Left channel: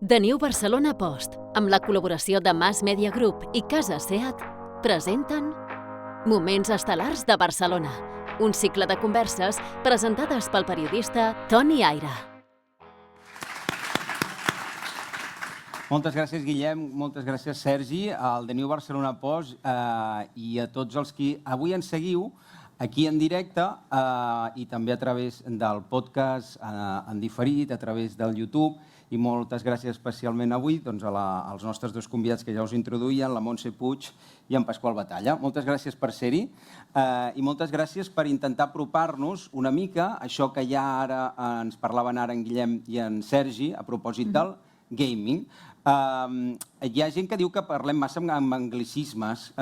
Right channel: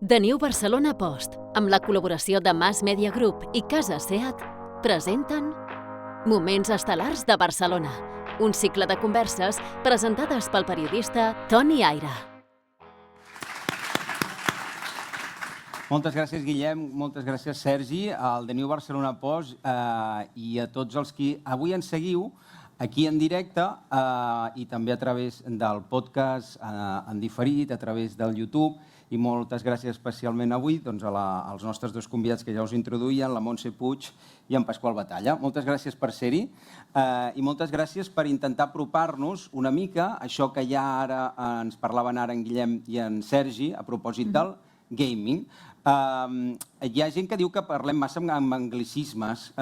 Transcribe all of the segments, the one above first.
The New Barcelona Post, amb la col·laboració de Mass Media Group i Casa Seat, presenten Moments estel·lars de Barcelona, un cicle de converses presentades pel periodista Toni Aira. Moltes gràcies, Guillem, moltes gràcies, Sergi, al The New Barcelona Post i a tots els qui avui ens seguiu aquí en directe i també a través del podcast en diferit, a través del YouTube. I moltes gràcies especialment avui als nostres dos convidats que ja us introduïen, la Montse Puig i en Pasqual Batalla. Moltes gràcies per ser-hi i moltes gràcies per intentar apropar-nos una mica a això que ja ara ens parlaven ara en Guillem i en Sergi a propòsit del gaming. Hi ha gent que diu que parlem massa amb anglicismes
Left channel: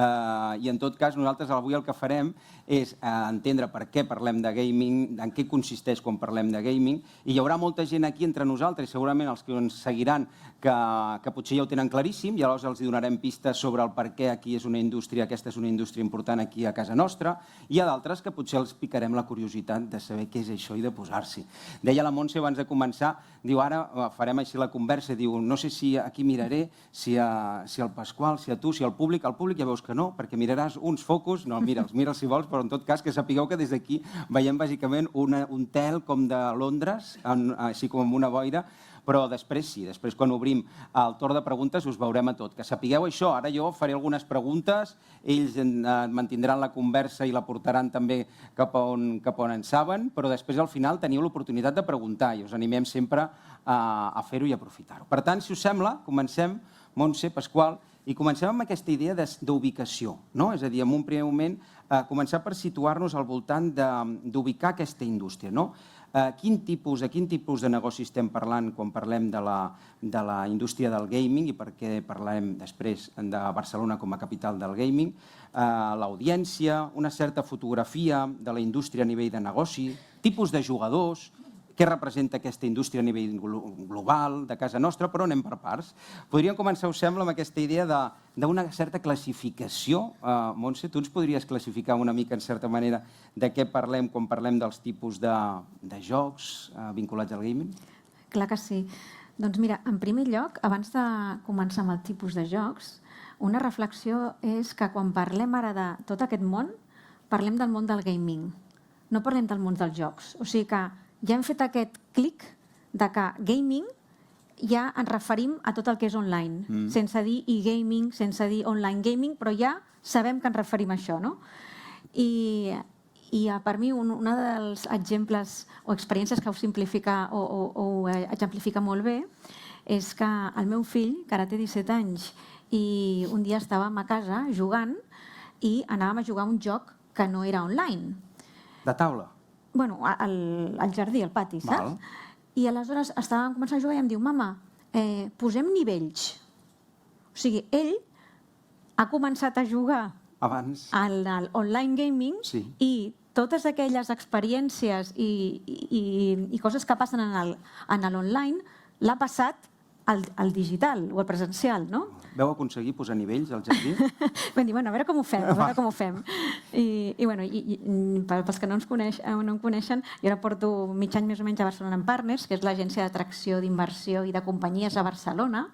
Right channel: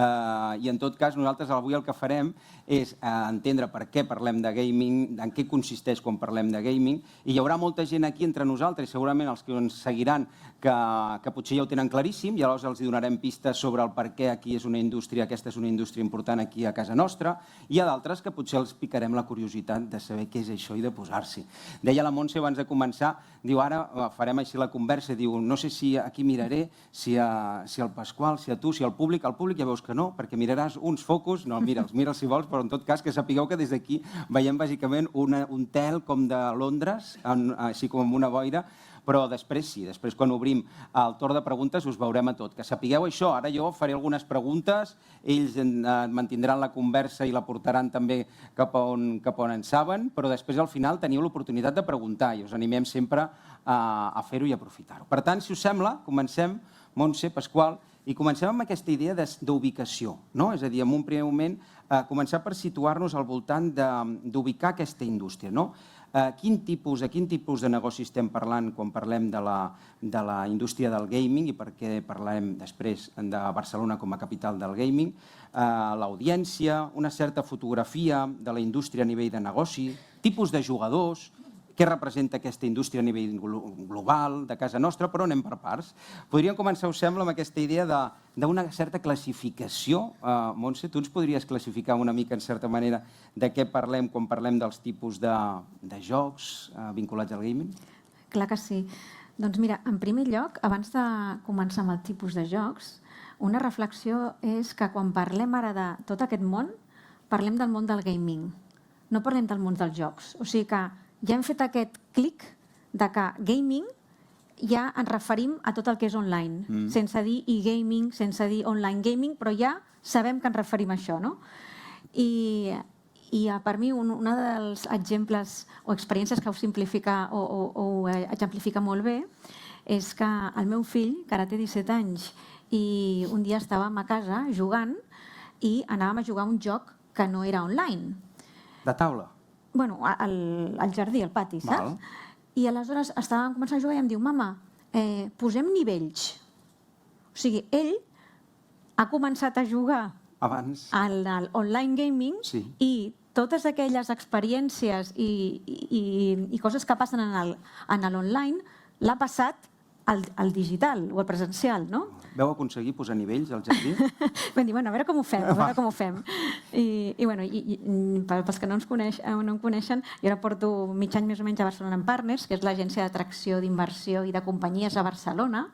i en tot cas nosaltres avui el que farem és entendre per què parlem de gaming, en què consisteix quan parlem de gaming, i hi haurà molta gent aquí entre nosaltres, segurament els que ens seguiran, que potser ja ho tenen claríssim, i aleshores els donarem pistes sobre el per què aquí és una indústria, aquesta és una indústria important aquí a casa nostra, i hi ha d'altres que potser els picarem la curiositat de saber què és això i de posar-s'hi. Deia la Montse abans de començar, diu ara farem així la conversa, diu no sé si aquí miraré, si el Pasqual, si a tu, si al públic ja veus que no, perquè miraràs uns focus, no, mira'ls si vols, però en tot cas que sapigueu que des d'aquí veiem bàsicament un tel com de Londres, així com amb una boira, però després sí, després quan obrim el torn de preguntes us veurem a tot. Que sapigueu això, ara jo faré algunes preguntes, ells mantindran la conversa i la portaran també cap a on en saben, però després al final teniu l'oportunitat de preguntar i us animem sempre a fer-ho i aprofitar-ho. Per tant, si us sembla, comencem, Montse, Pasqual, i comencem amb aquesta idea d'ubicació, no? És a dir, en un primer moment, començar per situar-nos al voltant d'ubicar aquesta indústria, no? A quin tipus de negoci estem parlant quan parlem de la indústria del gaming i per què parlem després de Barcelona com a capital del gaming, l'audiència, una certa fotografia de la indústria a nivell de negoci, tipus de jugadors, què representa aquesta indústria a nivell global de casa nostra, però anem per parts. Podríem començar, us sembla, amb aquesta idea d'una certa classificació. Montse, tu ens podries classificar una mica, en certa manera, de què parlem quan parlem dels tipus de jocs vinculats al gaming? Clar que sí. Doncs mira, en primer lloc, abans de començar amb el tipus de jocs, una reflexió és que quan parlem ara de tot aquest món, parlem del món del gaming, no parlem del món dels jocs. O sigui que ja hem fet aquest clic de que gaming ja ens referim a tot el que és online, sense dir e-gaming, sense dir online gaming, però ja sabem que ens referim a això, no? I per mi un dels exemples o experiències que ho simplifica o exemplifica molt bé és que el meu fill, que ara té 17 anys, i un dia estàvem a casa jugant i anàvem a jugar un joc que no era online. De taula? Bueno, al jardí, al pati, saps? I aleshores estàvem començant a jugar i em diu, mama, posem nivells. O sigui, ell ha començat a jugar al online gaming i totes aquelles experiències i coses que passen en l'online l'ha passat al digital o al presencial, no? Veu aconseguir posar nivells al jardí? Vam dir, bueno, a veure com ho fem, I pels que no em coneixen, jo ara porto mig any més o menys a Barcelona Partners, que és l'agència d'atracció, d'inversió i de companyies a Barcelona,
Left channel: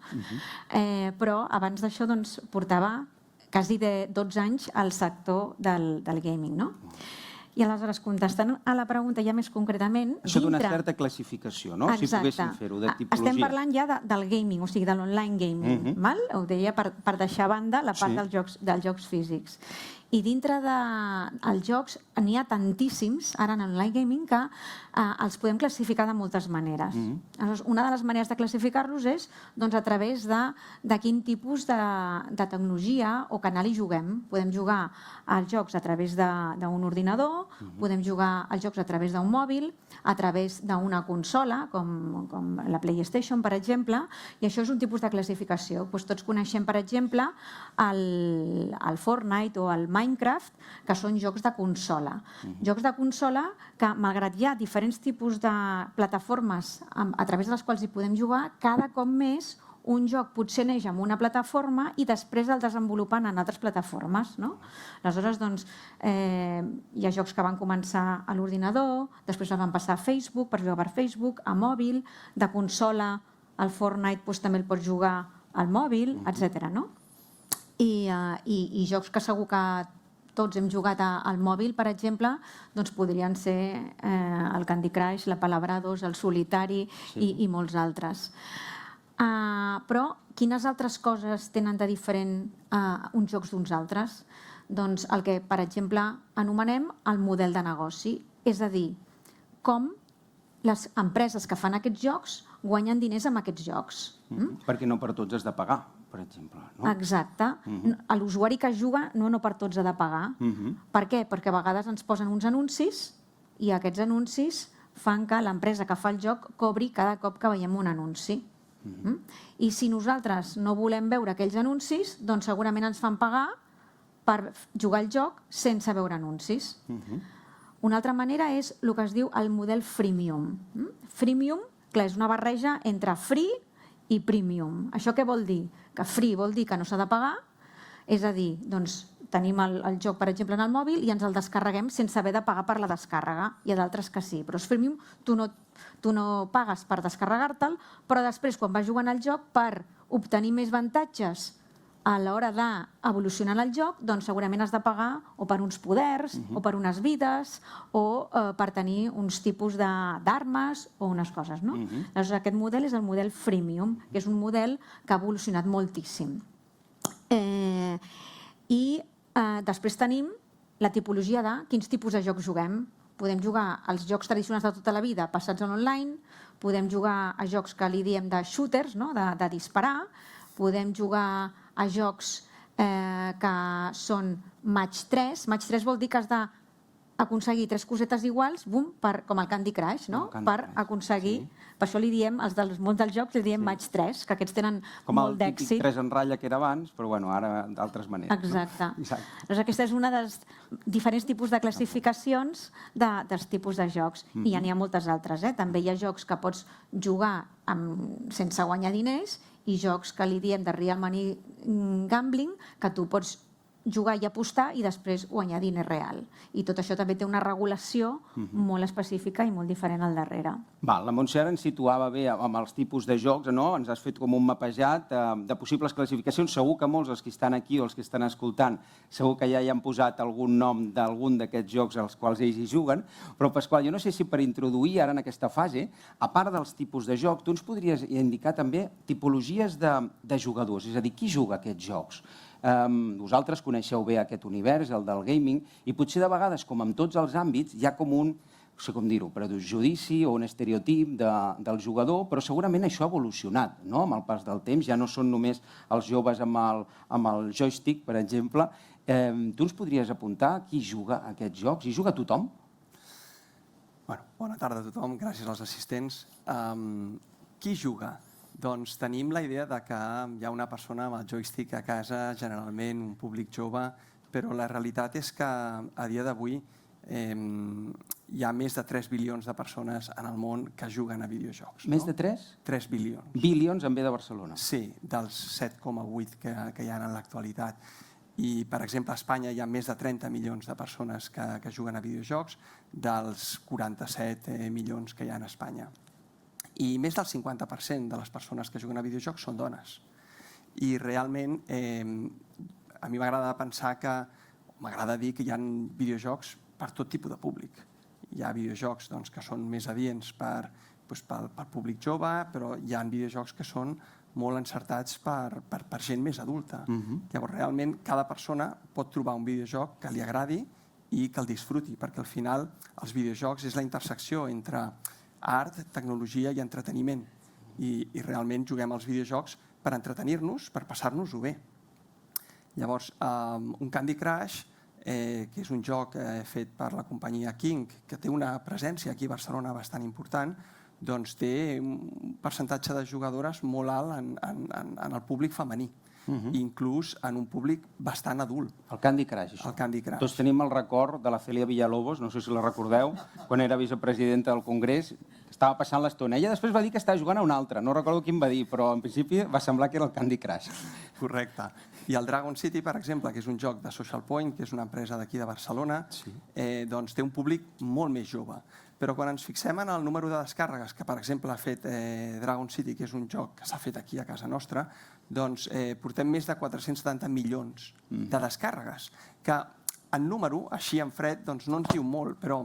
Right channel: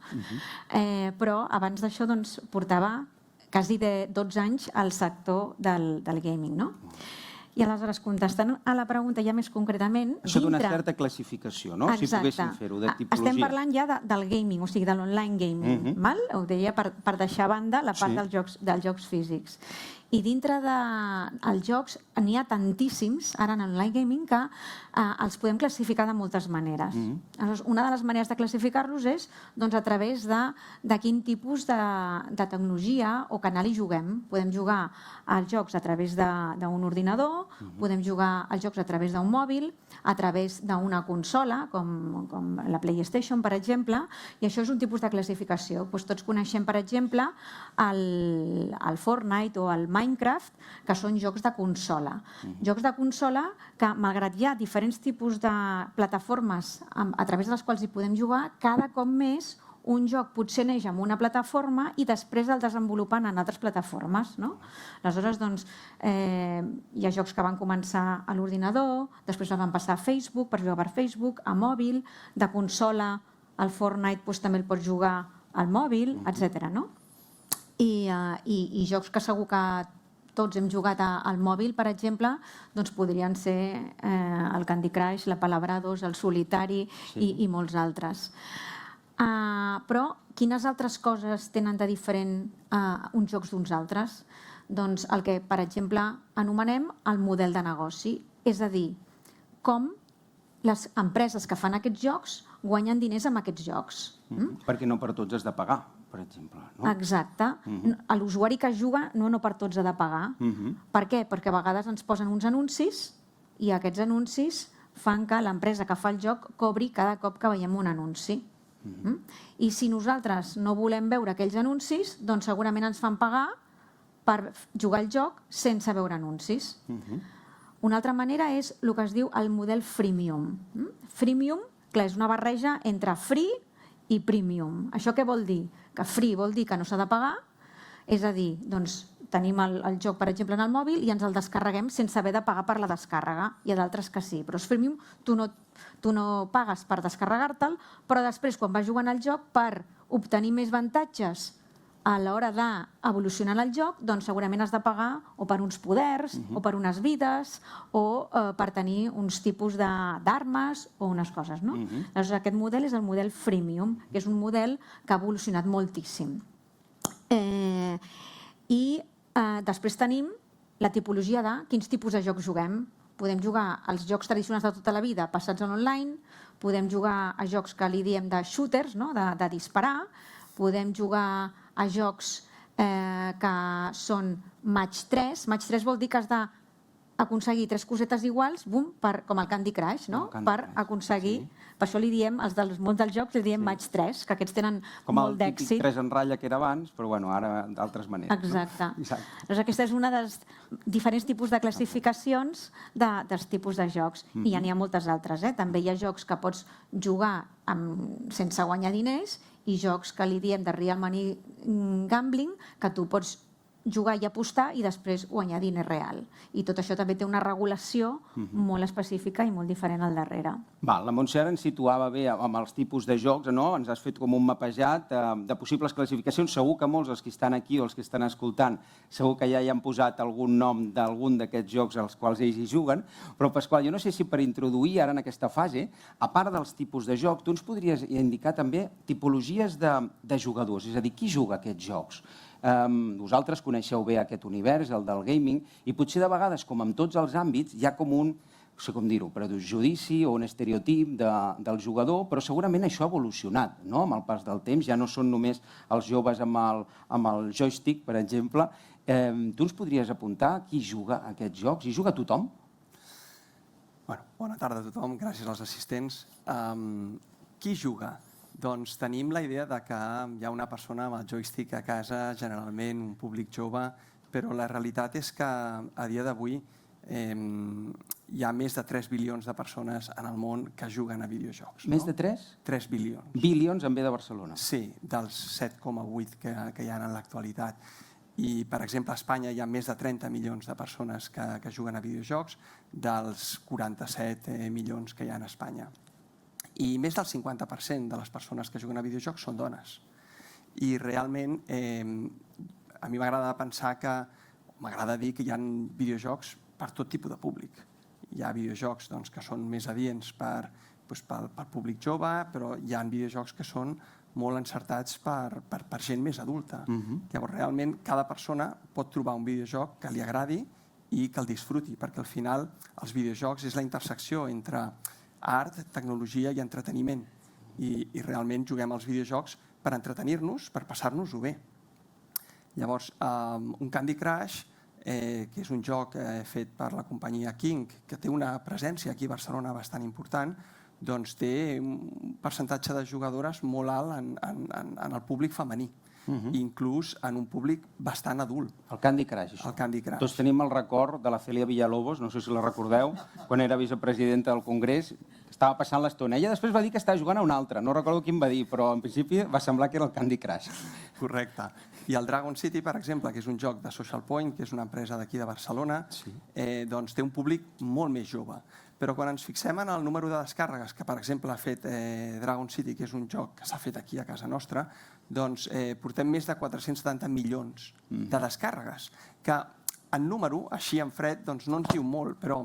però abans d'això portava quasi 12 anys al sector del gaming, no? I aleshores, contestant a la pregunta ja més concretament... Això d'una certa classificació, no? Si poguéssim fer-ho, de tipologia. Estem parlant ja del gaming, o sigui, de l'online gaming. Ho deia per deixar a banda la part dels jocs físics. I dintre dels jocs n'hi ha tantíssims, ara en l'online gaming, que els podem classificar de moltes maneres. Una de les maneres de classificar-los és a través de quin tipus de tecnologia o canal hi juguem. Podem jugar als jocs a través d'un ordinador, podem jugar als jocs a través d'un mòbil, a través d'una consola, com la PlayStation, per exemple, i això és un tipus de classificació. Tots coneixem, per exemple, el Fortnite o el Minecraft, que són jocs de consola. Jocs de consola que, malgrat hi ha diferents tipus de plataformes a través de les quals hi podem jugar, cada cop més un joc potser neix en una plataforma i després el desenvolupen en altres plataformes, no? Aleshores, doncs, hi ha jocs que van començar a l'ordinador, després van passar a Facebook, per jugar per Facebook, a mòbil, de consola el Fortnite també el pots jugar al mòbil, etc. I jocs que segur que tots hem jugat al mòbil, per exemple, doncs podrien ser el Candy Crush, la Palabrados, el Solitari i molts altres. Però quines altres coses tenen de diferent uns jocs d'uns altres? Doncs el que, per exemple, anomenem el model de negoci, és a dir, com les empreses que fan aquests jocs guanyen diners amb aquests jocs. Perquè no per tots has de pagar, per exemple. Exacte. L'usuari que juga no per tots ha de pagar. Per què? Perquè a vegades ens posen uns anuncis i aquests anuncis fan que l'empresa que fa el joc cobri cada cop que veiem un anunci. I si nosaltres no volem veure aquells anuncis, doncs segurament ens fan pagar per jugar al joc sense veure anuncis. Una altra manera és el que es diu el model freemium. Freemium, clar, és una barreja entre free i premium. Això què vol dir? Que free vol dir que no s'ha de pagar, és a dir, doncs tenim el joc, per exemple, en el mòbil i ens el descarreguem sense haver de pagar per la descàrrega. Hi ha d'altres que sí, però és freemium, tu no pagues per descarregar-te'l, però després, quan vas jugant al joc, per obtenir més avantatges a l'hora d'evolucionar el joc, doncs segurament has de pagar o per uns poders, o per unes vides, o per tenir uns tipus d'armes o unes coses. Llavors, aquest model és el model freemium, que és un model que ha evolucionat moltíssim. I després tenim la tipologia de quins tipus de jocs juguem. Podem jugar als jocs tradicionals de tota la vida passats en online, podem jugar a jocs que li diem de shooters, de disparar, podem jugar a jocs que són match 3. Match 3 vol dir que has d'aconseguir 3 cosetes iguals, com el Candy Crush, per aconseguir... Per això li diem, els del món dels jocs, li diem match 3, que aquests tenen molt d'èxit. Com el típic 3 en ratlla que era abans, però ara d'altres maneres. Exacte. Doncs aquesta és una dels diferents tipus de classificacions dels tipus de jocs. I n'hi ha moltes altres. També hi ha jocs que pots jugar sense guanyar diners i jocs que li diem de real money gambling, que tu pots jugar i apostar i després guanyar diner real. I tot això també té una regulació molt específica i molt diferent al darrere. La Montse ara ens situava bé amb els tipus de jocs, ens has fet com un mapejat de possibles classificacions. Segur que molts dels que estan aquí o els que estan escoltant segur que ja hi han posat algun nom d'algun d'aquests jocs als quals ells hi juguen, però Pasqual, jo no sé si per introduir ara en aquesta fase, a part dels tipus de joc, tu ens podries indicar també tipologies de jugadors, és a dir, qui juga aquests jocs? Vosaltres coneixeu bé aquest univers, el del gaming, i potser de vegades, com en tots els àmbits, hi ha com un, no sé com dir-ho, prejudici o un estereotip del jugador, però segurament això ha evolucionat, amb el pas del temps, ja no són només els joves amb el joystick, per exemple. Tu ens podries apuntar qui juga a aquests jocs? Hi juga tothom? Bona tarda a tothom, gràcies als assistents. Qui juga? Doncs tenim la idea que hi ha una persona amb el joystick a casa, generalment un públic jove, però la realitat és que a dia d'avui hi ha més de 3 bilions de persones en el món que juguen a videojocs. Més de 3? 3 bilions. Bilions en ve de Barcelona. Sí, dels 7,8 que hi ha en l'actualitat. I, per exemple, a Espanya hi ha més de 30 milions de persones que juguen a videojocs, dels 47 milions que hi ha a Espanya. I més del 50% de les persones que juguen a videojocs són dones. I realment a mi m'agrada pensar m'agrada dir que hi ha videojocs per tot tipus de públic. Hi ha videojocs que són més adients pel públic jove, però hi ha videojocs que són molt encertats per gent més adulta. Llavors, realment, cada persona pot trobar un videojoc que li agradi i que el disfruti, perquè al final els videojocs és la intersecció entre art, tecnologia i entreteniment. I realment juguem als videojocs per entretenir-nos, per passar-nos-ho bé. Llavors, un Candy Crush, que és un joc fet per la companyia King, que té una presència aquí a Barcelona bastant important, doncs té un percentatge de jugadores molt alt en el públic femení. Inclús en un públic bastant adult. El Candy Crush, això. El Candy Crush. Tots tenim el record de la Cèlia Villalobos, no sé si la recordeu, quan era vicepresidenta del Congrés, estava passant l'estona. Ella després va dir que estava jugant a un altre, no recordo quin va dir, però en principi va semblar que era el Candy Crush. Correcte. I el Dragon City, per exemple, que és un joc de Social Point, que és una empresa d'aquí de Barcelona, doncs té un públic molt més jove. Però quan ens fixem en el número de descàrregues que, per exemple, ha fet Dragon City, que és un joc que s'ha fet aquí a casa nostra, doncs portem més de 470 milions de descàrregues, que en número, així en fred, doncs no ens diu molt, però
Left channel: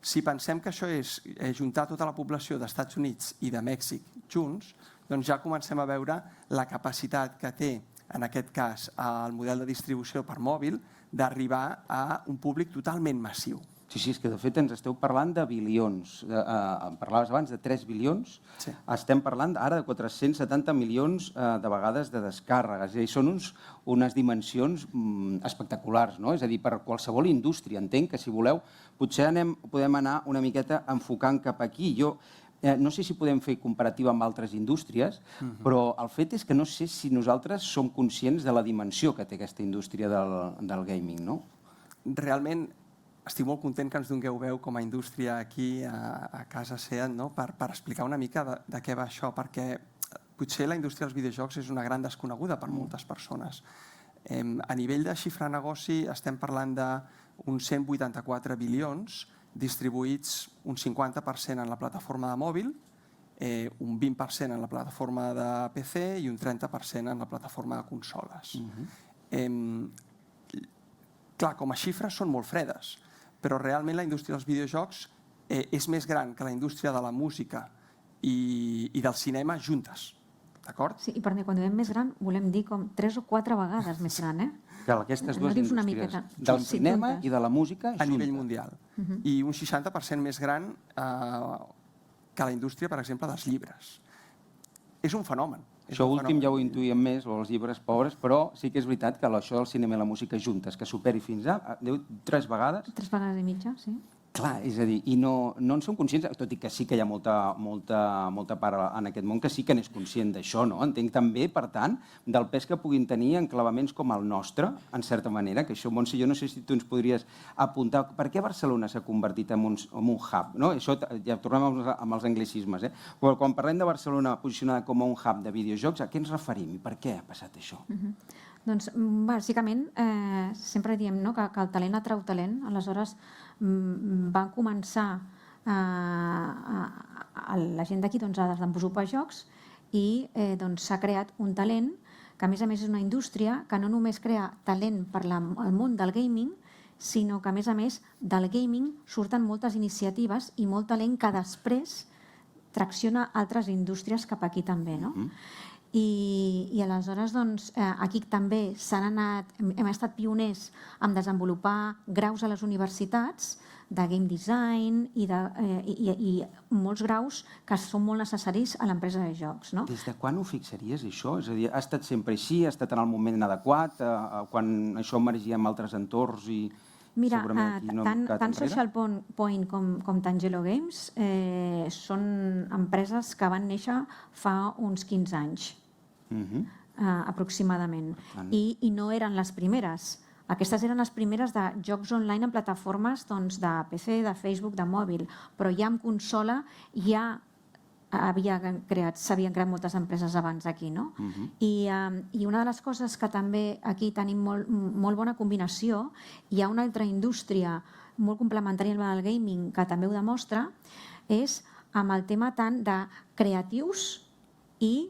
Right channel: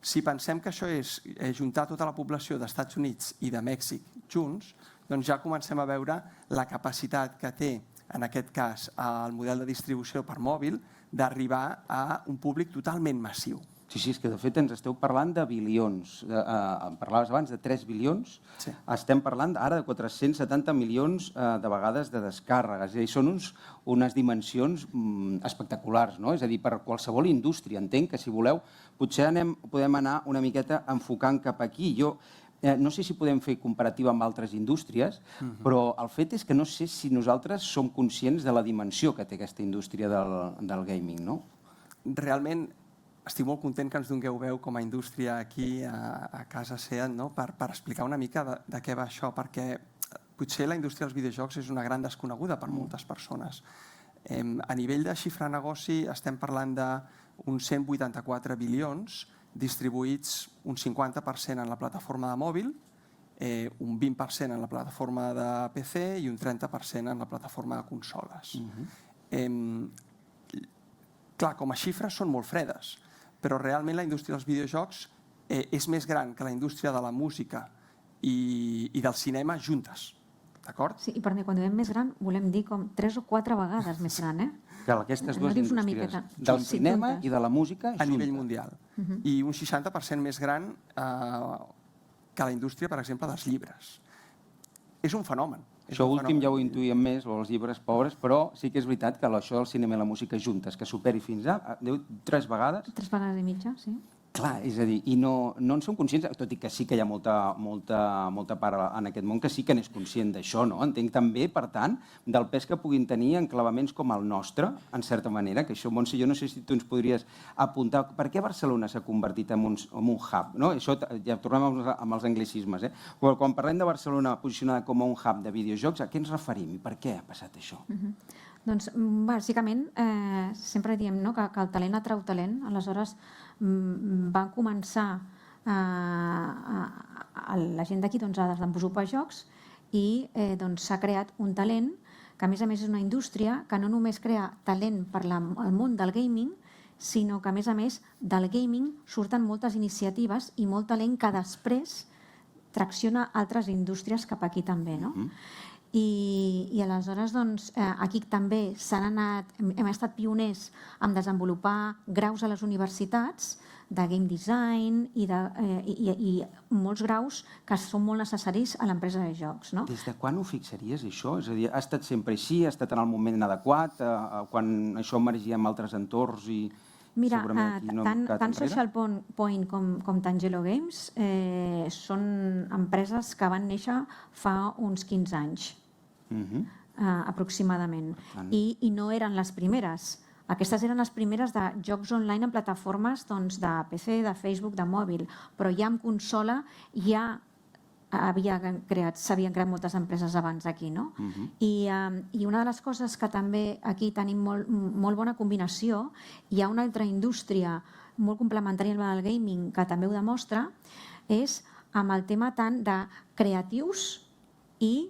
si pensem que això és juntar tota la població d'Estats Units i de Mèxic junts, doncs ja comencem a veure la capacitat que té, en aquest cas, el model de distribució per mòbil, d'arribar a un públic totalment massiu. Sí, és que de fet ens esteu parlant de bilions. Parlaves abans de 3 bilions. Sí. Estem parlant ara de 470 milions de vegades de descàrregues. I són unes dimensions espectaculars, no? És a dir, per qualsevol indústria. Entenc que, si voleu, potser podem anar una miqueta enfocant cap aquí. Jo no sé si podem fer comparativa amb altres indústries, però el fet és que no sé si nosaltres som conscients de la dimensió que té aquesta indústria del gaming, no? Realment, estic molt content que ens dongueu veu com a indústria aquí a casa SEAT, no? Per explicar una mica de què va això, perquè potser la indústria dels videojocs és una gran desconeguda per moltes persones. A nivell de xifra de negoci estem parlant d'uns 184 bilions distribuïts un 50% en la plataforma de mòbil, un 20% en la plataforma de PC i un 30% en la plataforma de consoles. Clar, com a xifres són molt fredes, però realment la indústria dels videojocs és més gran que la indústria de la música i del cinema juntes, d'acord? Sí, i per mi, quan diem més gran, volem dir com 3 o 4 vegades més gran, Clar, aquestes dues indústries, del cinema i de la música, a nivell mundial. I un 60% més gran que la indústria, per exemple, dels llibres. És un fenomen. Això últim ja ho intuïem més, o els llibres pobres, però sí que és veritat que això del cinema i la música juntes, que superi fins a 3 vegades... 3 vegades i mitja, sí. Clar, és a dir, i no en som conscients, tot i que sí que hi ha molta part en aquest món que sí que n'és conscient d'això, no? Entenc també, per tant, del pes que puguin tenir enclavaments com el nostre, en certa manera, que això, Montse, jo no sé si tu ens podries apuntar per què Barcelona s'ha convertit en un hub, no? Això ja tornem amb els anglicismes, eh? Quan parlem de Barcelona posicionada com a un hub de videojocs, a què ens referim i per què ha passat això? Doncs, bàsicament, sempre diem que el talent atrau talent, aleshores van començar la gent d'aquí a desenvolupar jocs i s'ha creat un talent que, a més és una indústria que no només crea talent per al món del gaming, sinó que, a més, del gaming surten moltes iniciatives i molt talent que després tracciona altres indústries cap aquí també, no? I aleshores, aquí també hem estat pioners en desenvolupar graus a les universitats de game design i molts graus que són molt necessaris a l'empresa de jocs. Des de quan ho fixaries, això? És a dir, ha estat sempre així? Ha estat en el moment adequat? Quan això emergia en altres entorns i... Mira, tant Social Point com Tangelo Games són empreses que van néixer fa uns 15 anys, aproximadament, i no eren les primeres. Aquestes eren les primeres de jocs online en plataformes de PC, de Facebook, de mòbil, però ja en consola ja s'havien creat moltes empreses abans aquí, no? I una de les coses que també aquí tenim molt bona combinació, hi ha una altra indústria molt complementària al gaming que també ho demostra, és amb el tema tant de creatius i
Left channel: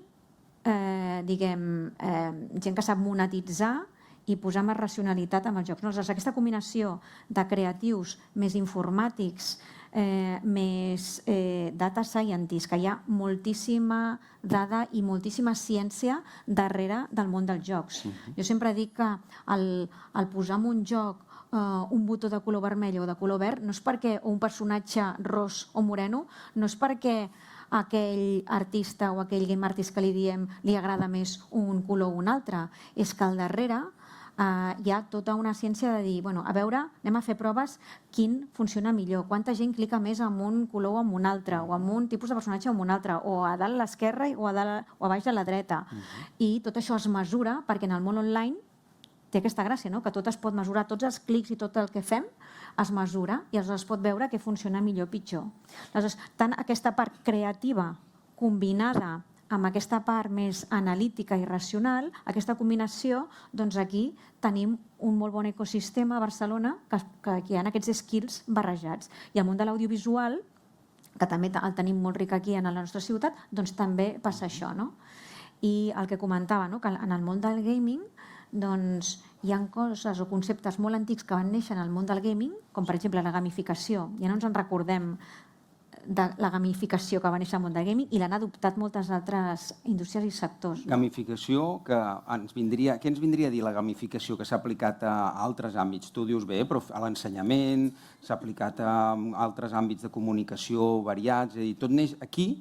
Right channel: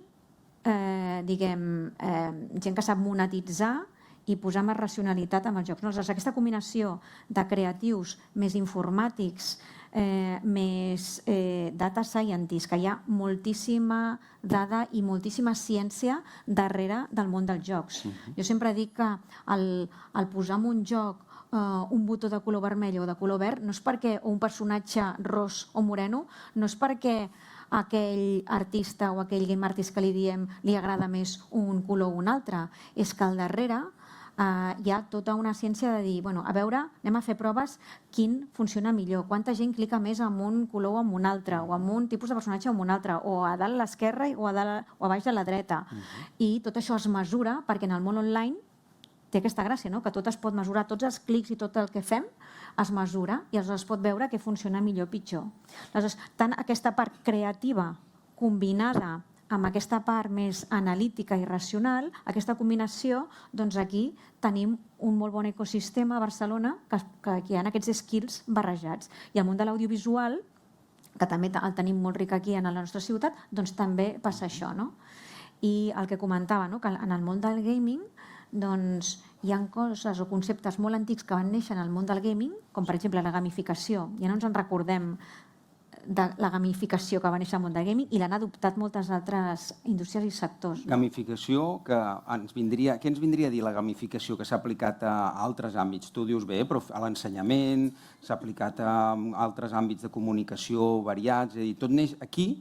gent que sap monetitzar i posar més racionalitat en els jocs. Aleshores, aquesta combinació de creatius més informàtics, més data scientists, que hi ha moltíssima dada i moltíssima ciència darrere del món dels jocs. Jo sempre dic que el posar en un joc un botó de color vermell o de color verd no és perquè un personatge ros o moreno, no és perquè a aquell artista o aquell game artist que li diem li agrada més un color o un altre, és que al darrere hi ha tota una ciència de dir, a veure, anem a fer proves quin funciona millor, quanta gent clica més amb un color o amb un altre, o amb un tipus de personatge o amb un altre, o a dalt a l'esquerra o a baix a la dreta. I tot això es mesura perquè en el món online té aquesta gràcia, que tot es pot mesurar, tots els clics i tot el que fem es mesura i aleshores es pot veure què funciona millor o pitjor. Aleshores, tant aquesta part creativa combinada amb aquesta part més analítica i racional, aquesta combinació, doncs aquí tenim un molt bon ecosistema a Barcelona que hi ha aquests skills barrejats. I al món de l'audiovisual que també el tenim molt ric aquí en la nostra ciutat, doncs també passa això, no? I el que comentava, no? Que en el món del gaming doncs hi ha coses o conceptes molt antics que van néixer en el món del gaming, com per exemple la gamificació. Ja no ens en recordem de la gamificació que va néixer al món del gaming i l'han adoptat moltes altres indústries i sectors. Gamificació, què ens vindria a dir la gamificació que s'ha aplicat a altres àmbits? Tu dius bé, però a l'ensenyament, s'ha aplicat a altres àmbits de comunicació variats, és a dir, tot neix aquí,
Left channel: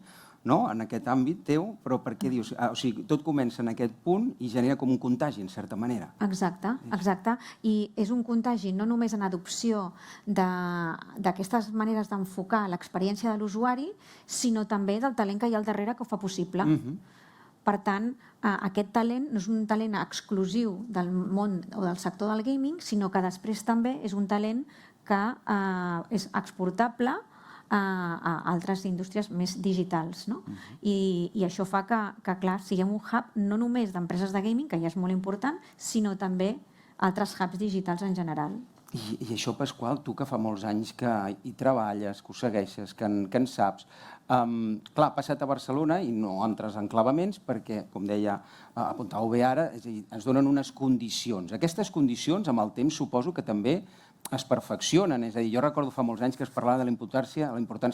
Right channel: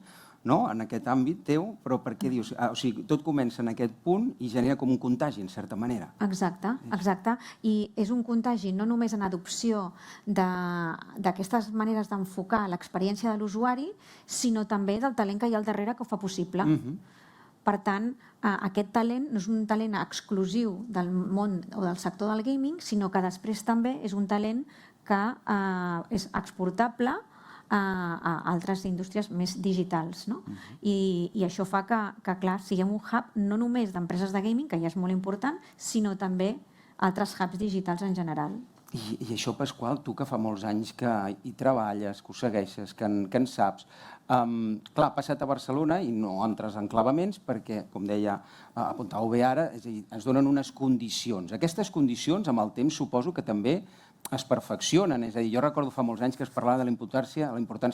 no? En aquest àmbit teu, però per què dius? O sigui, tot comença en aquest punt i genera com un contagi, en certa manera. Exacte. I és un contagi no només en adopció d'aquestes maneres d'enfocar l'experiència de l'usuari, sinó també del talent que hi ha al darrere que ho fa possible. Per tant, aquest talent no és un talent exclusiu del món o del sector del gaming, sinó que després també és un talent que és exportable a altres indústries més digitals, no? I això fa que, clar, siguem un hub no només d'empreses de gaming, que ja és molt important, sinó també altres hubs digitals en general. I això, Pasqual, tu que fa molts anys que hi treballes, que ho segueixes, que en saps, clar, ha passat a Barcelona i no entres en clavaments perquè, com deia, apuntàveu bé ara, és a dir, ens donen unes condicions. Aquestes condicions, amb el temps, suposo que també es perfeccionen, és a dir, jo recordo fa molts anys que es parlava de la importància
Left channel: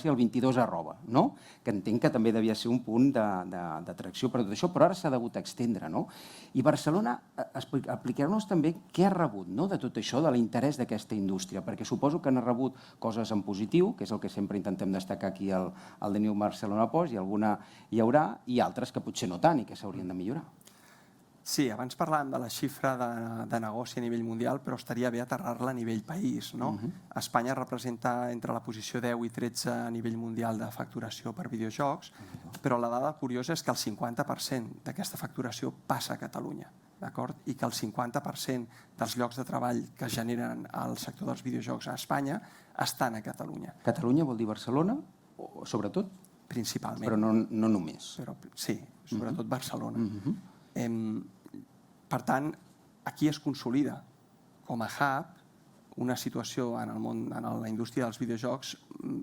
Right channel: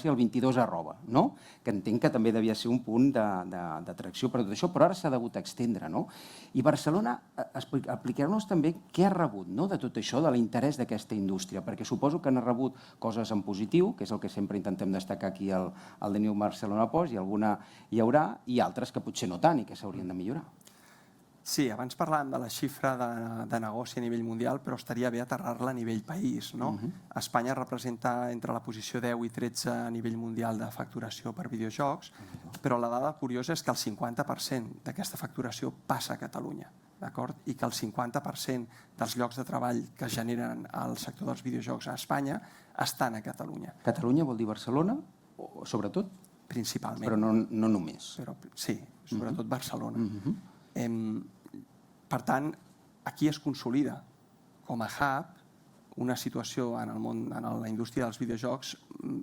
del 22 arroba, no? Que entenc que també devia ser un punt d'atracció per tot això, però ara s'ha hagut extendre, no? I Barcelona, apliqueu-nos també què ha rebut, no?, de tot això, de l'interès d'aquesta indústria, perquè suposo que han rebut coses en positiu, que és el que sempre intentem destacar aquí al The New Barcelona Post, i alguna hi haurà, i altres que potser no tant i que s'haurien de millorar. Sí, abans parlàvem de la xifra de negoci a nivell mundial, però estaria bé aterrar-la a nivell país, no? Espanya representa entre la posició 10 i 13 a nivell mundial de facturació per videojocs, però la dada curiosa és que el 50% d'aquesta facturació passa a Catalunya, d'acord? I que el 50% dels llocs de treball que generen el sector dels videojocs a Espanya estan a Catalunya. Catalunya vol dir Barcelona, sobretot? Principalment. Però no només. Sí, sobretot Barcelona. Per tant, aquí es consolida com a hub una situació en el món, en la indústria dels videojocs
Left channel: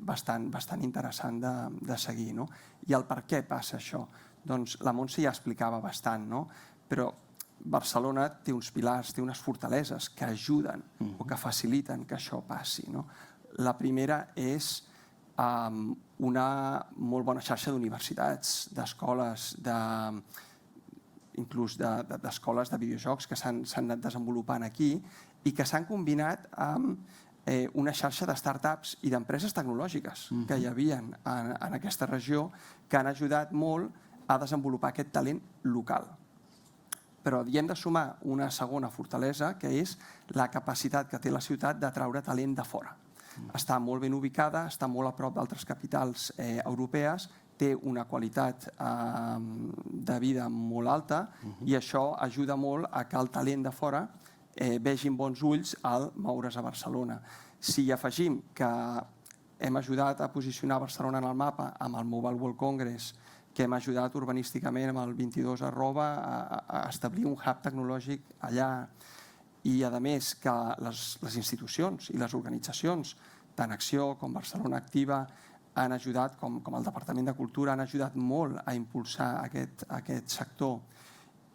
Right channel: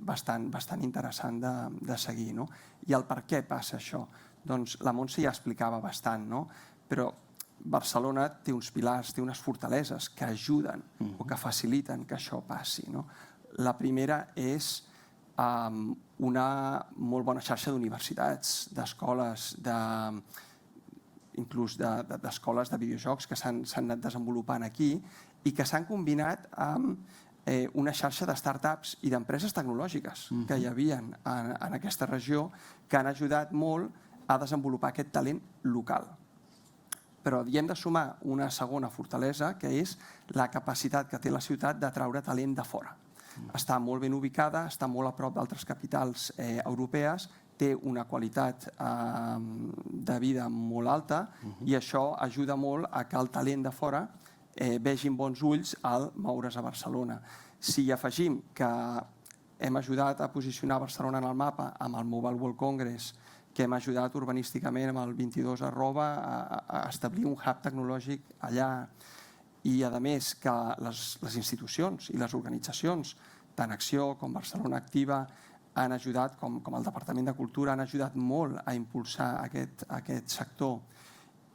bastant interessant de seguir, no? I el per què passa això? Doncs la Montse ja explicava bastant, no? Però Barcelona té uns pilars, té unes fortaleses que ajuden o que faciliten que això passi, no? La primera és una molt bona xarxa d'universitats, d'escoles, inclús d'escoles de videojocs que s'han anat desenvolupant aquí i que s'han combinat amb una xarxa de start-ups i d'empreses tecnològiques que hi havia en aquesta regió que han ajudat molt a desenvolupar aquest talent local. Però hi hem de sumar una segona fortalesa, que és la capacitat que té la ciutat d'atraure talent de fora. Està molt ben ubicada, està molt a prop d'altres capitals europees, té una qualitat de vida molt alta i això ajuda molt a que el talent de fora vegin bons ulls al moure's a Barcelona. Si afegim que hem ajudat a posicionar Barcelona en el mapa amb el Mobile World Congress, que hem ajudat urbanísticament amb el 22 arroba a establir un hub tecnològic allà, i a més que les institucions i les organitzacions, tant Acció com Barcelona Activa, han ajudat, com el Departament de Cultura, han ajudat molt a impulsar aquest sector,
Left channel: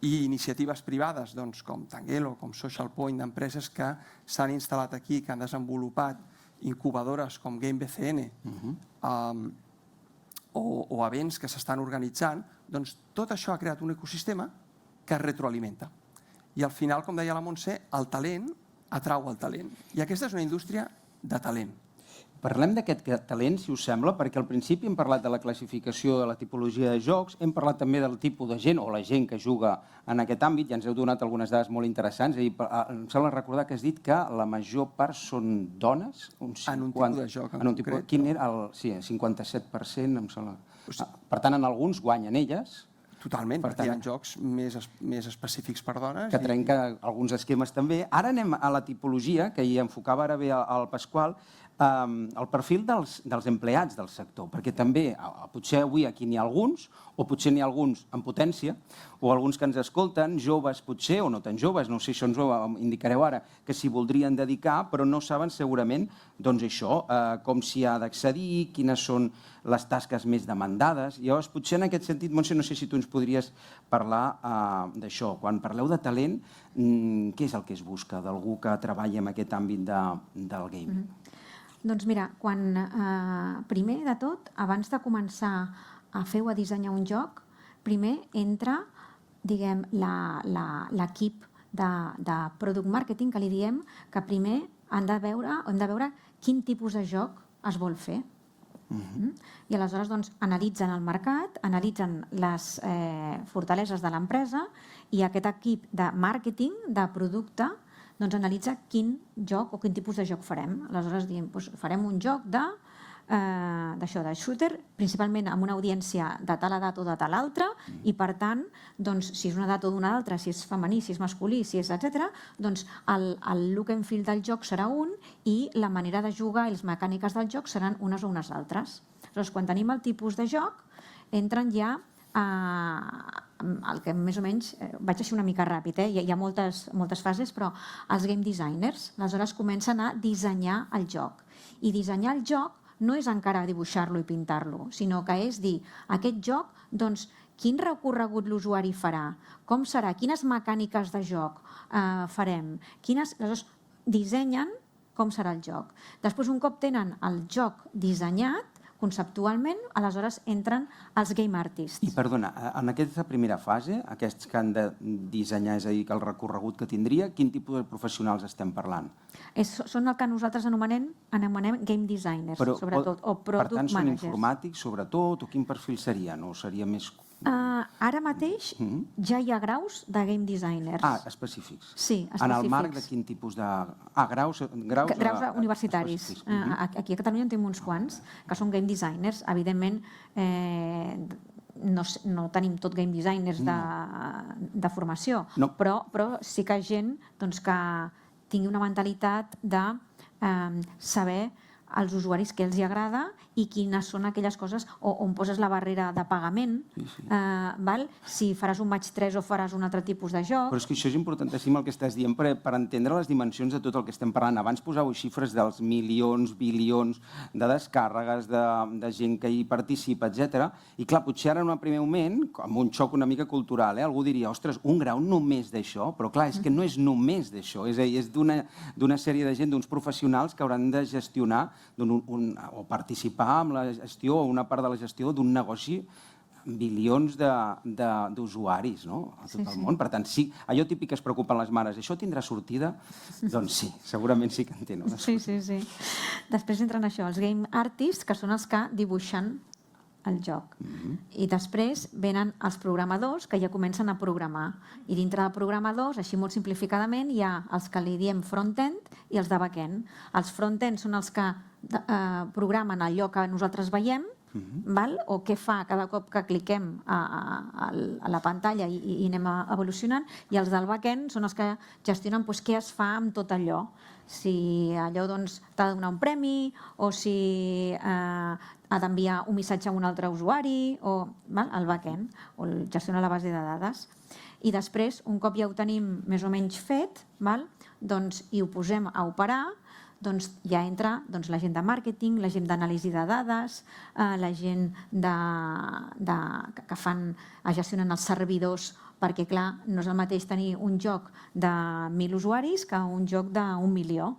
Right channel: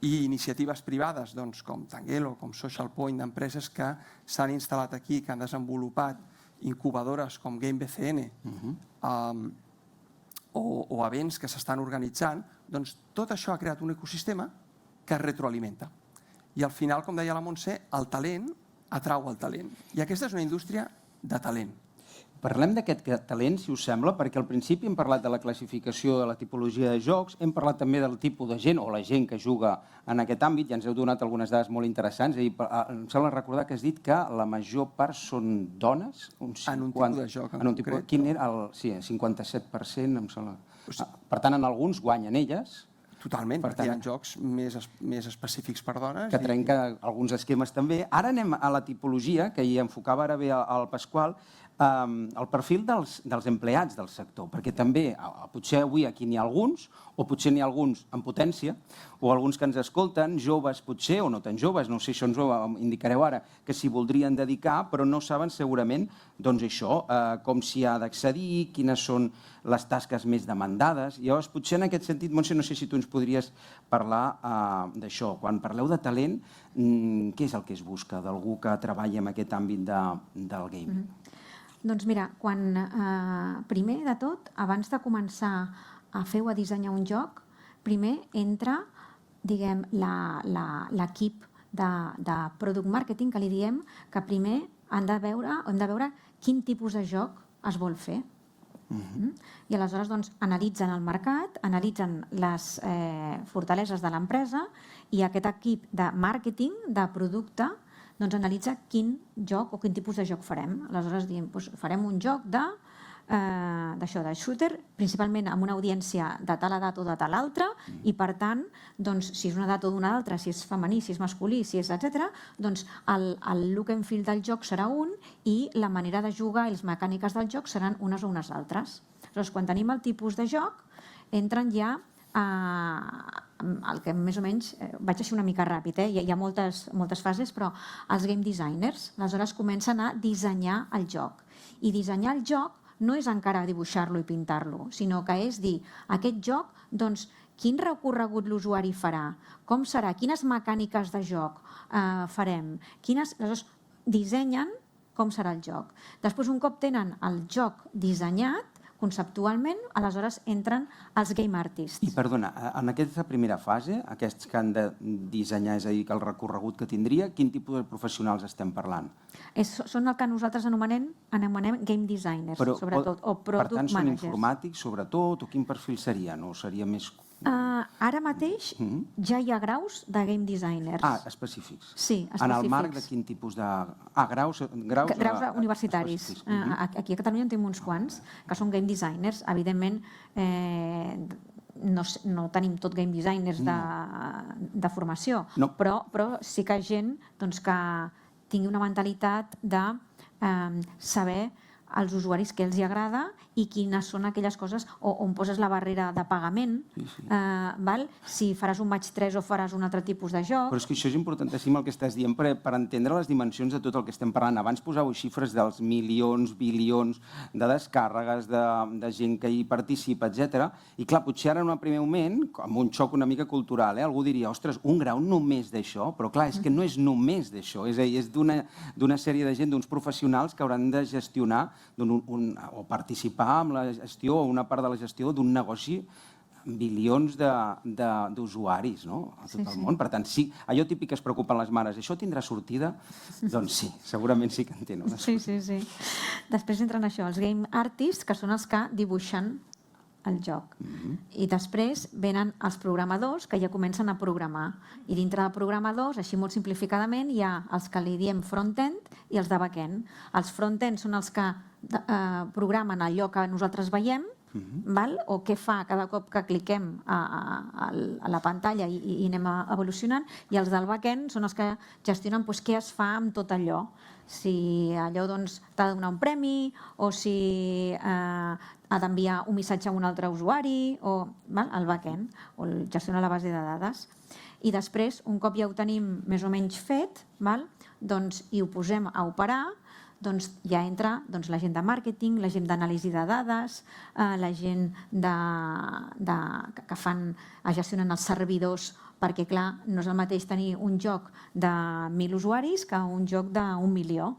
i iniciatives privades com Tanguelo, com Social Point, d'empreses que s'han instal·lat aquí, que han desenvolupat incubadores com Game BCN o events que s'estan organitzant, doncs tot això ha creat un ecosistema que es retroalimenta. I al final, com deia la Montse, el talent atrau el talent. I aquesta és una indústria de talent. Parlem d'aquest talent, si us sembla, perquè al principi hem parlat de la classificació de la tipologia de jocs, hem parlat també del tipus de gent, o la gent que juga en aquest àmbit, i ens heu donat algunes dades molt interessants. Em sembla recordar que has dit que la major part són dones. En un tipus de joc en concret. Quin era? Sí, 57%, em sembla. Per tant, en alguns guanyen elles. Totalment, perquè hi ha jocs més específics per dones. Que trenca alguns esquemes també. Ara anem a la tipologia, que hi enfocava ara bé el Pasqual. el perfil dels empleats del sector, perquè també potser avui aquí n'hi ha alguns, o potser n'hi ha alguns en potència, o alguns que ens escolten, joves potser, o no tan joves, no sé, això ens ho indicareu ara, que s'hi voldrien dedicar, però no saben segurament, doncs això, com s'hi ha d'accedir, quines són les tasques més demandades. Llavors, potser en aquest sentit, Montse, no sé si tu ens podries parlar d'això. Quan parleu de talent, què és el que es busca d'algú que treballa en aquest àmbit del game? Doncs mira, primer de tot, abans de començar a fer o a dissenyar un joc, primer entra, diguem, l'equip de product marketing, que li diem que primer hem de veure quin tipus de joc es vol fer. I aleshores doncs, analitzen el mercat, analitzen les fortaleses de l'empresa i aquest equip de màrqueting, de producte, doncs analitza quin joc o quin tipus de joc farem. Aleshores diem, farem un joc de shooter, principalment amb una audiència de tal edat o de tal altra, i per tant, doncs, si és una edat o d'una altra, si és femení, si és masculí, si és etc., doncs el look and feel del joc serà un i la manera de jugar i les mecàniques del joc seran unes o unes altres. Aleshores, quan tenim el tipus de joc, entren ja el que més o menys, vaig així una mica ràpid, hi ha moltes fases, però els game designers, aleshores comencen a dissenyar el joc. I dissenyar el joc no és encara dibuixar-lo i pintar-lo, sinó que és dir, aquest joc, doncs, quin recorregut l'usuari farà, com serà, quines mecàniques de joc farem, aleshores dissenyen com serà el joc. Després, un cop tenen el joc dissenyat, conceptualment, aleshores entren els game artists. I perdona, en aquesta primera fase, aquests que han de dissenyar, és a dir, que el recorregut que tindria, quin tipus de professionals estem parlant? Són el que nosaltres anomenem game designers, sobretot, o product managers. Per tant, són informàtics, sobretot, o quin perfil seria? No seria més... Ara mateix ja hi ha graus de game designers. Específics. Sí, específics. En el marc de quin tipus de... Graus universitaris. Aquí a Catalunya en tenim uns quants, que són game designers. Evidentment, no tenim tot game designers de formació, però sí que gent que tingui una mentalitat de saber als usuaris què els hi agrada i quines són aquelles coses on poses la barrera de pagament, si faràs un match 3 o faràs un altre tipus de joc. Però és que això és importantíssim el que estàs dient per entendre les dimensions de tot el que estem parlant. Abans posàveu xifres dels milions, bilions de descàrregues, de gent que hi participa, etc. I clar, potser ara en un primer moment, amb un xoc una mica cultural, algú diria, ostres, un grau només d'això? Però clar, és que no és només d'això, és a dir, és d'una sèrie de gent, d'uns professionals que hauran de gestionar o participar amb la gestió o una part de la gestió d'un negoci bilions d'usuaris a tot el món. Per tant, sí, allò típic que es preocupen les mares, això tindrà sortida? Doncs sí, segurament sí que en té. Sí. Després entren això, els game artists, que són els que dibuixen el joc. I després venen els programadors, que ja comencen a programar. I dintre de programadors, així molt simplificadament, hi ha els que li diem front-end i els de back-end. Els front-end són els que programen allò que nosaltres veiem, o què fa cada cop que cliquem a la pantalla i anem evolucionant, i els del back-end són els que gestionen què es fa amb tot allò. Si allò t'ha de donar un premi o si ha d'enviar un missatge a un altre usuari, el back-end, o gestiona la base de dades. I després, un cop ja ho tenim més o menys fet, i ho posem a operar, ja entra la gent de màrqueting, la gent d'anàlisi de dades, la gent que gestionen els servidors, perquè, clar, no és el mateix tenir un joc de 1.000 usuaris que un joc d'1 milió.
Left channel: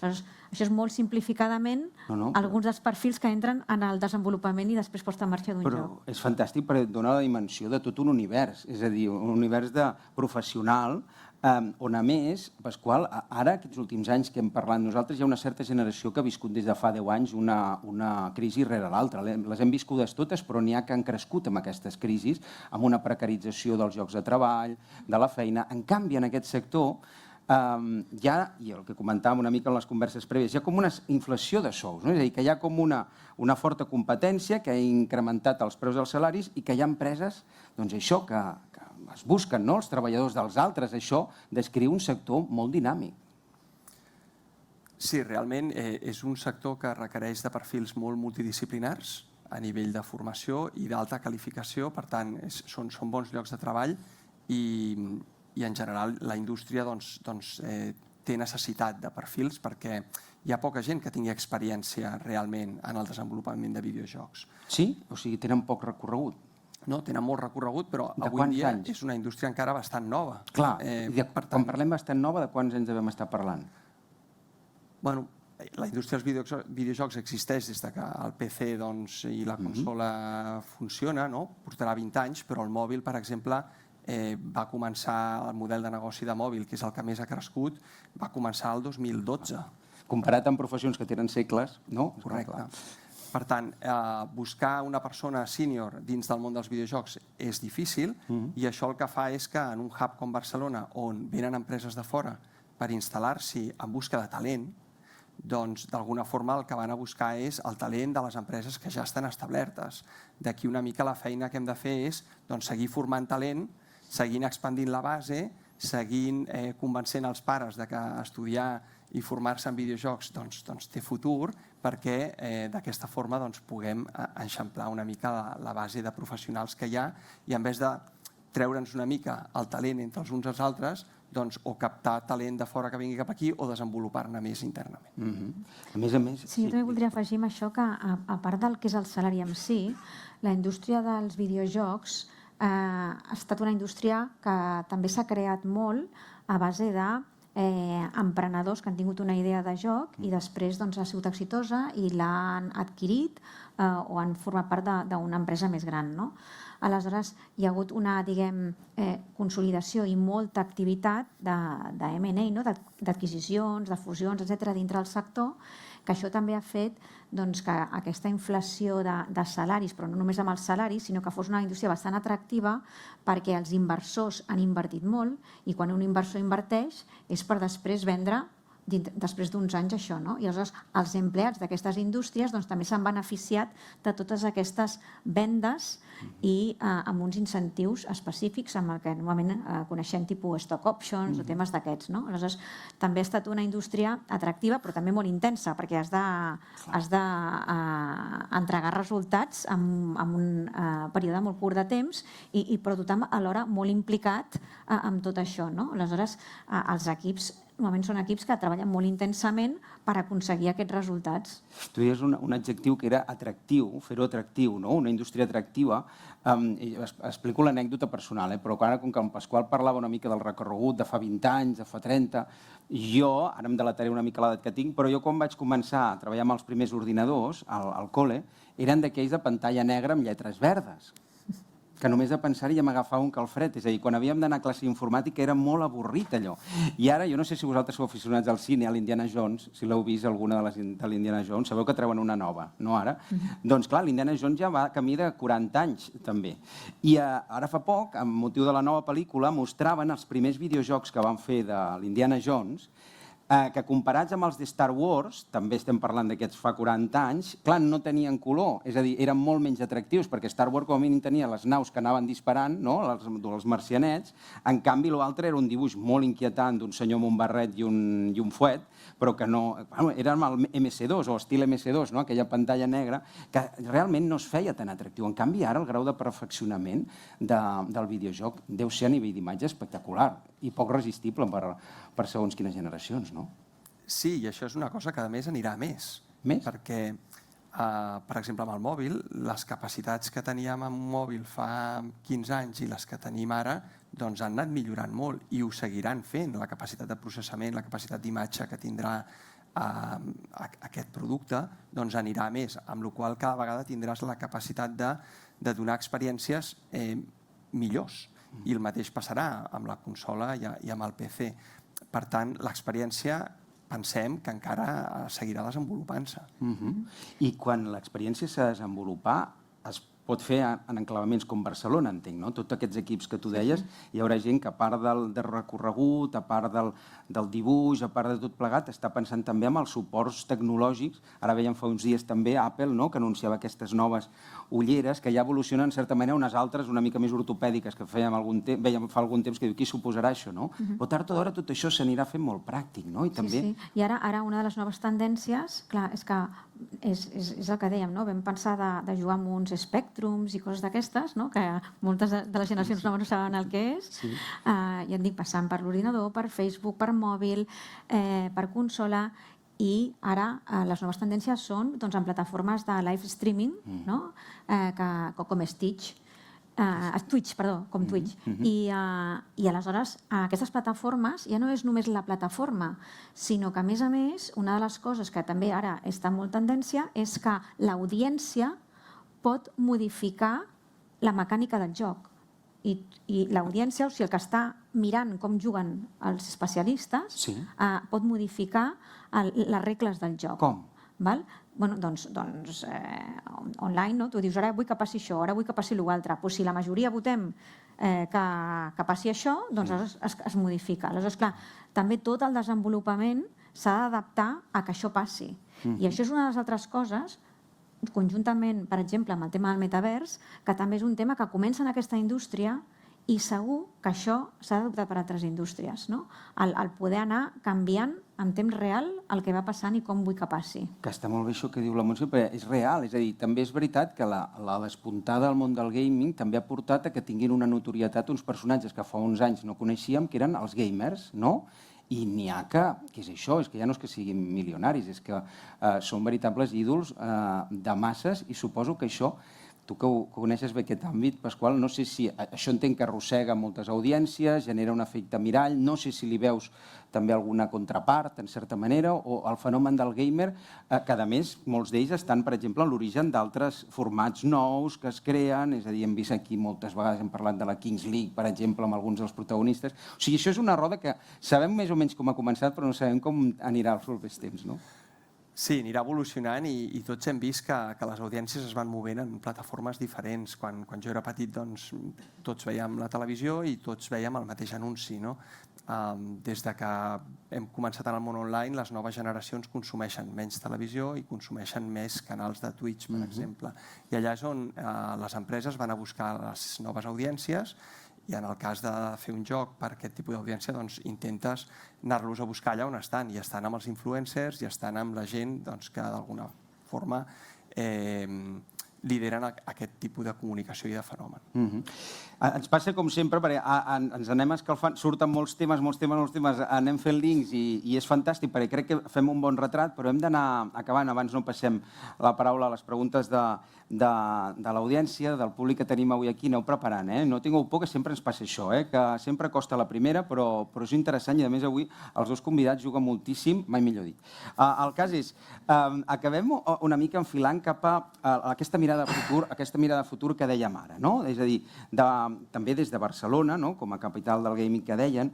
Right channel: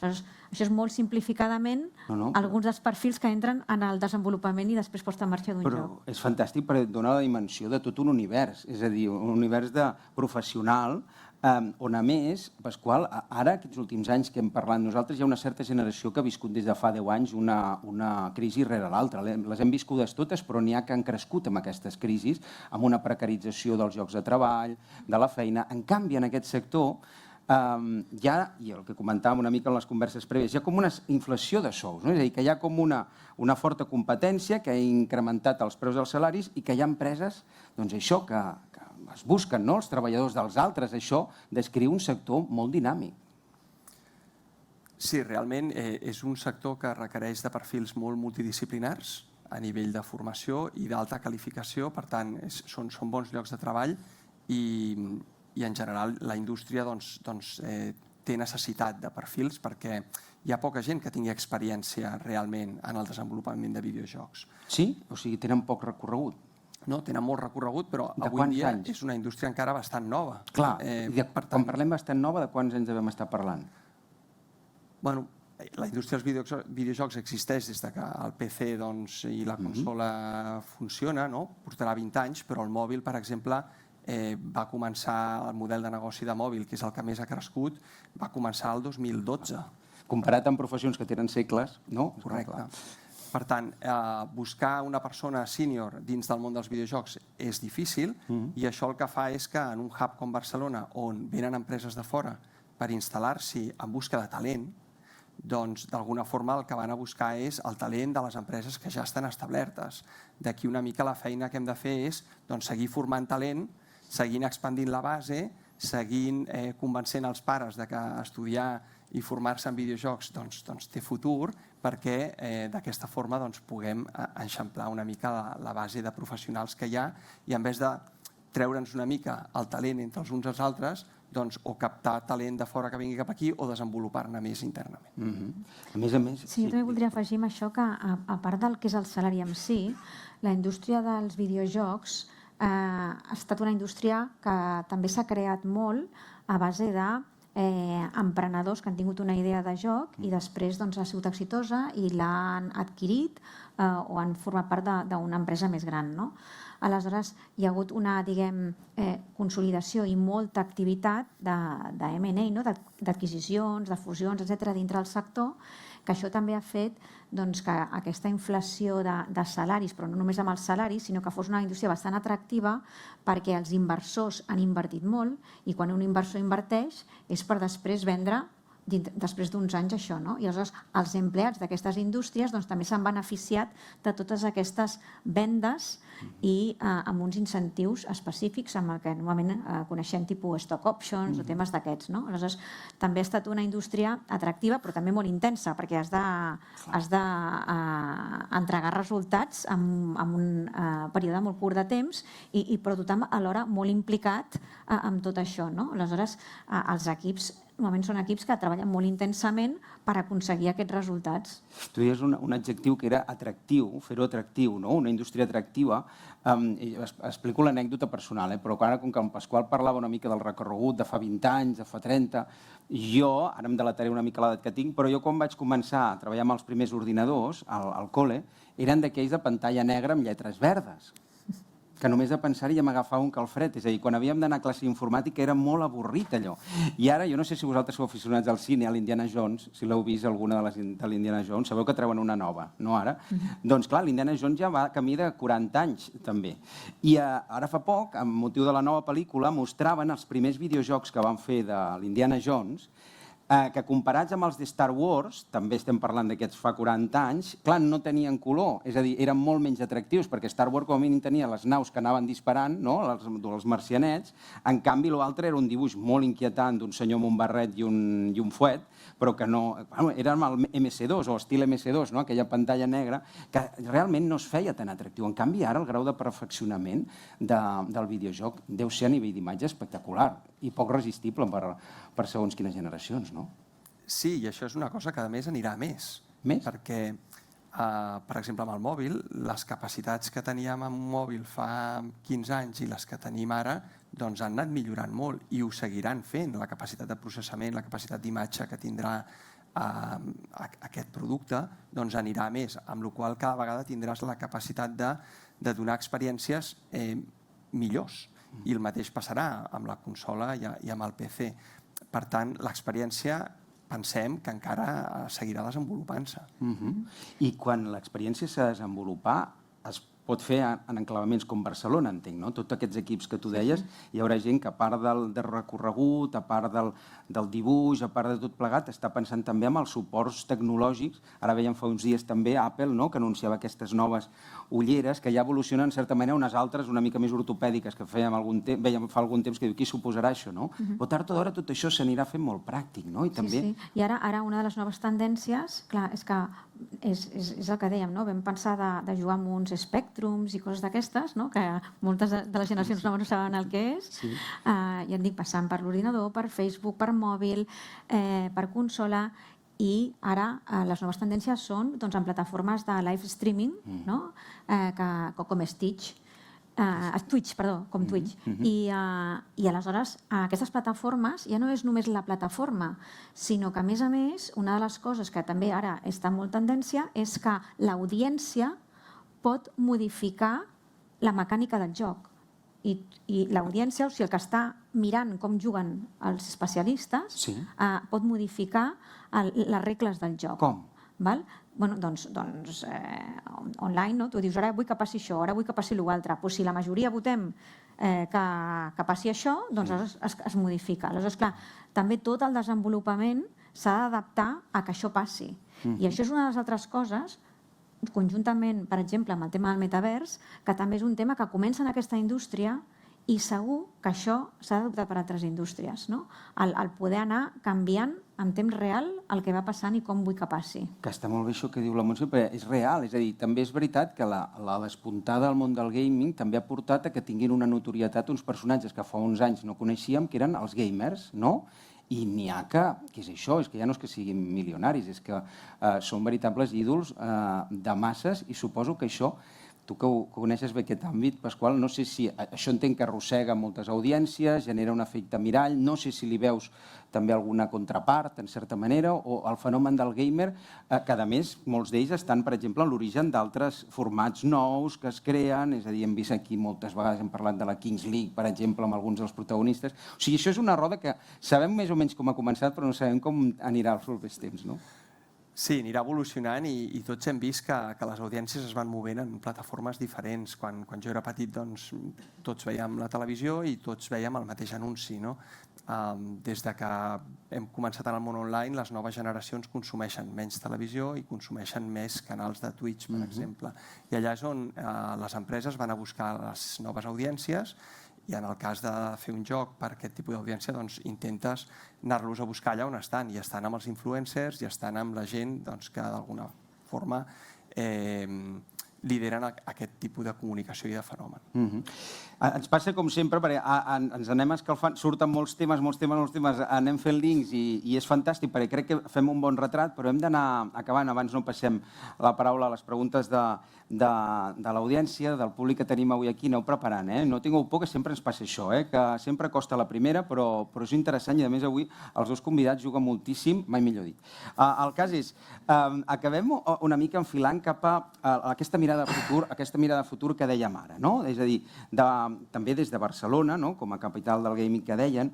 Això és molt simplificadament alguns dels perfils que entren en el desenvolupament i després posta en marxa d'un joc. Però és fantàstic perquè dona la dimensió de tot un univers, és a dir, un univers de professional on, a més, Pasqual, ara, aquests últims anys que hem parlat nosaltres, hi ha una certa generació que ha viscut des de fa 10 anys una crisi rere l'altra. Les hem viscudes totes, però n'hi ha que han crescut amb aquestes crisis, amb una precarització dels llocs de treball, de la feina. En canvi, en aquest sector, hi ha, i el que comentàvem una mica en les converses prèvies, hi ha com una inflació de sous, és a dir, que hi ha com una forta competència que ha incrementat els preus dels salaris i que hi ha empreses, doncs això, que es busquen els treballadors dels altres. Això descriu un sector molt dinàmic. Sí, realment és un sector que requereix de perfils molt multidisciplinars a nivell de formació i d'alta qualificació, per tant, són bons llocs de treball i en general la indústria té necessitat de perfils perquè hi ha poca gent que tingui experiència realment en el desenvolupament de videojocs. Sí? O sigui, tenen poc recorregut. No, tenen molt recorregut, però De avui quants en dia anys? és una indústria encara bastant nova. Clar, Per quan tant, parlem bastant nova, de quants anys devem estar parlant? bueno, la indústria dels videojocs existeix des que el PC i la consola funciona, no? Portarà 20 anys, però el mòbil, per exemple, va començar el model de negoci de mòbil, que és el que més ha crescut, va començar el 2012. Comparat amb professions que tenen segles, no? Correcte. Per tant, buscar una persona sènior dins del món dels videojocs és difícil i això el que fa és que en un hub com Barcelona, on venen empreses de fora per instal·lar-s'hi en busca de talent, doncs d'alguna forma el que van a buscar és el talent de les empreses que ja estan establertes. D'aquí una mica la feina que hem de fer és seguir formant talent, seguint expandint la base, seguint convencent els pares de que estudiar i formar-se en videojocs té futur, perquè d'aquesta forma puguem eixamplar una mica la base de professionals que hi ha i en vez de treure'ns una mica el talent entre els uns i els altres, o captar talent de fora que vingui cap aquí o desenvolupar-ne més internament. A més a més... Sí, jo també voldria afegir amb això que, a part del que és el salari en si, la indústria dels videojocs ha estat una indústria que també s'ha creat molt a base d'emprenedors que han tingut una idea de joc i després ha sigut exitosa i l'han adquirit o han format part d'una empresa més gran, no? Aleshores, hi ha hagut una, consolidació i molta activitat de M&A, d'adquisicions, de fusions, etc., dintre del sector, que això també ha fet que aquesta inflació de salaris, però no només amb els salaris, sinó que fos una indústria bastant atractiva perquè els inversors han invertit molt i quan un inversor inverteix és per després vendre després d'uns anys això, no? I aleshores els empleats d'aquestes indústries també s'han beneficiat de totes aquestes vendes i amb uns incentius específics amb el que normalment coneixem tipus stock options o temes d'aquests, no? Aleshores també ha estat una indústria atractiva però també molt intensa perquè has d'entregar resultats en un període molt curt de temps però tothom alhora molt implicat amb tot això, no? Aleshores els equips normalment són equips que treballen molt intensament per aconseguir aquests resultats. Tu deies un adjectiu que era atractiu, fer-ho atractiu, no? Una indústria atractiva. Explico l'anècdota personal, però ara, com que en Pasqual parlava una mica del recorregut de fa 20 anys, de fa 30, jo, ara em delataré una mica l'edat que tinc, però jo quan vaig començar a treballar amb els primers ordinadors al col·le, eren d'aquells de pantalla negra amb lletres verdes, que només de pensar-hi ja m'agafava un calfred. És a dir, quan havíem d'anar a classe d'informàtica era molt avorrit allò. I ara, jo no sé si vosaltres sou aficionats al cine, a l'Indiana Jones, si l'heu vist alguna de l'Indiana Jones, sabeu que treuen una nova, no ara? Doncs clar, l'Indiana Jones ja va camí de 40 anys, també. I ara fa poc, amb motiu de la nova pel·lícula, mostraven els primers videojocs que van fer de l'Indiana Jones, que comparats amb els de Star Wars, també estem parlant d'aquests fa 40 anys, clar, no tenien color, és a dir, eren molt menys atractius, perquè Star Wars com a mínim tenia les naus que anaven disparant, no?, els marcianets, en canvi l'altre era un dibuix molt inquietant d'un senyor amb un barret i un fuet, però que no... Era el MS2 o estil MS2, no?, aquella pantalla negra, que realment no es feia tan atractiu. En canvi, ara el grau de perfeccionament del videojoc deu ser a nivell d'imatge espectacular i poc resistible per segons quines generacions, no? Sí, i això és una cosa que a més anirà a més. Més? Perquè, per exemple, amb el mòbil, les capacitats que teníem en un mòbil fa 15 anys i les que tenim ara, doncs han anat millorant molt i ho seguiran fent. La capacitat de processament, la capacitat d'imatge que tindrà aquest producte, doncs anirà a més, amb la qual cada vegada tindràs la capacitat de donar experiències millors. I el mateix passarà amb la consola i amb el PC. Per tant, l'experiència pensem que encara seguirà desenvolupant-se. I quan l'experiència s'ha de desenvolupar, es pot fer en enclavaments com Barcelona, entenc, no? Tots aquests equips que tu deies, hi haurà gent que a part del recorregut, a part del dibuix, a part de tot plegat, està pensant també en els suports tecnològics. Ara veiem fa uns dies també Apple, no?, que anunciava aquestes noves ulleres que ja evolucionen en certa manera, unes altres una mica més ortopèdiques que veiem fa algun temps que diu qui suposarà això, no? Però tard o d'hora tot això s'anirà fent molt pràctic, no? Sí. I ara una de les noves tendències, clar, és que és el que dèiem, no? Vam pensar de jugar amb uns Spectrums i coses d'aquestes, no? Que moltes de les generacions no saben el que és. Ja et dic, passant per l'ordinador, per Facebook, per mòbil, per consola, i ara les noves tendències són en plataformes de live streaming, com Twitch, com Twitch. I aleshores aquestes plataformes ja no és només la plataforma, sinó que a més, una de les coses que també ara està en molt tendència és que l'audiència pot modificar la mecànica del joc. I l'audiència, o sigui, el que està mirant com juguen els especialistes, pot modificar les regles del joc. Com? Doncs online, tu dius, ara vull que passi això, ara vull que passi l'altre. Si la majoria votem que passi això, doncs es modifica. Aleshores, clar, també tot el desenvolupament s'ha d'adaptar a que això passi. I això és una de les altres coses, conjuntament, per exemple, amb el tema del metavers, que també és un tema que comença en aquesta indústria i segur que això s'ha d'adoptar per altres indústries, no? El poder anar canviant en temps real el que va passant i com vull que passi. Que està molt bé això que diu la Montse, però és real, és a dir, també és veritat que la despuntada del món del gaming també ha portat a que tinguin una notorietat uns personatges que fa uns anys no coneixíem, que eren els gamers, no? I n'hi ha que és això, és que ja no és que siguin milionaris, és que són veritables ídols de masses, i suposo que això, tu que coneixes bé aquest àmbit, Pasqual, no sé si això entenc que arrossega moltes audiències, genera un efecte mirall, no sé si li veus també alguna contrapart, en certa manera, o el fenomen del gamer, que a més molts d'ells estan, per exemple, en l'origen d'altres formats nous que es creen, és a dir, hem vist aquí moltes vegades, hem parlat de la Kings League, per exemple, amb alguns dels protagonistes. O sigui, això és una roda que sabem més o menys com ha començat, però no sabem com anirà els propers temps, no? Sí, anirà evolucionant i tots hem vist que les audiències es van movent en plataformes diferents. Quan jo era petit, doncs, tots veiem la televisió i tots veiem el mateix anunci, no? Des de que hem començat en el món online, les noves generacions consumeixen menys televisió i consumeixen més canals de Twitch, per exemple. I allà és on les empreses van a buscar les noves audiències, i en el cas de fer un joc per aquest tipus d'audiència, doncs intentes anar-los a buscar allà on estan, i estan amb els influencers, i estan amb la gent que d'alguna forma lideren aquest tipus de comunicació i de fenomen. Ens passa com sempre, perquè ens anem escalfant, surten molts temes, anem fent links i és fantàstic, perquè crec que fem un bon retrat, però hem d'anar acabant, abans no passem la paraula a les preguntes de l'audiència, del públic que tenim avui aquí. Aneu preparant, no tingueu por, que sempre ens passa això, que sempre costa la primera, però és interessant, i a més avui els dos convidats juguen moltíssim, mai millor dit. El cas és, acabem una mica enfilant cap a aquesta mirada de futur que dèiem ara, no? És a dir, també des de Barcelona, com a capital del gaming que deien,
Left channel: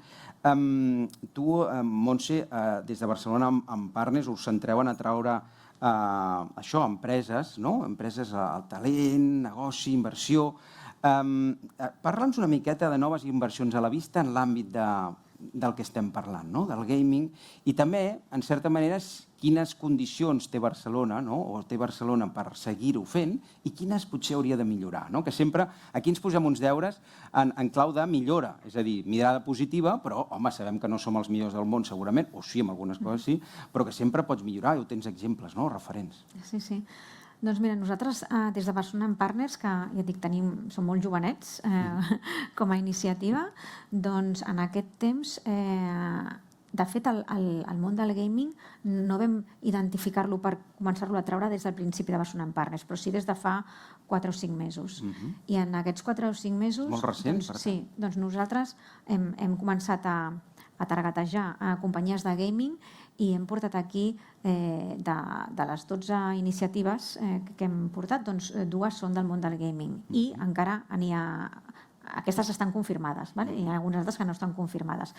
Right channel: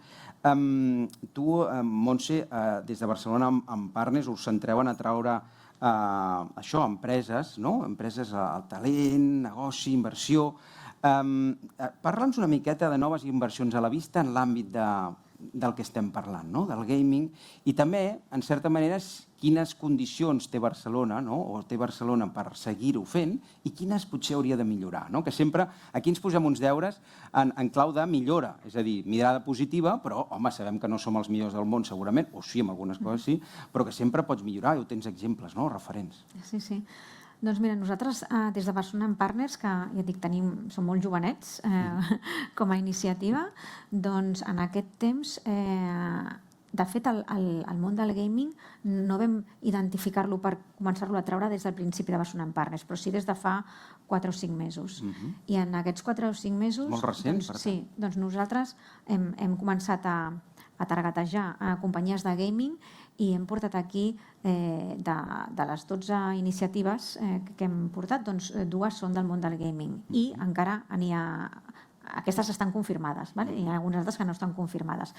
tu, Montse, des de Barcelona amb Partners us centreu en atraure això, empreses, empreses al talent, negoci, inversió. Parla'ns una miqueta de noves inversions a la vista en l'àmbit del que estem parlant, del gaming, i també, en certa manera, quines condicions té Barcelona, o té Barcelona per seguir-ho fent, i quines potser hauria de millorar. Que sempre aquí ens posem uns deures en clau de millora, és a dir, mirada positiva, però, home, sabem que no som els millors del món, segurament, o sí, en algunes coses sí, però que sempre pots millorar, i ho tens exemples, referents. Sí. Doncs mira, nosaltres des de Barcelona en Partners, que ja et dic, som molt jovenets com a iniciativa, doncs en aquest temps, de fet, el món del gaming no vam identificar-lo per començar-lo a treure des del principi de Barcelona en Partners, però sí des de fa 4 o 5 mesos. I en aquests 4 o 5 mesos... Molt recent, per tant. Sí, doncs nosaltres hem començat a targetejar companyies de gaming i hem portat aquí, de les 12 iniciatives que hem portat, doncs 2 són del món del gaming i encara n'hi ha... Aquestes estan confirmades, i hi ha algunes altres que no estan confirmades.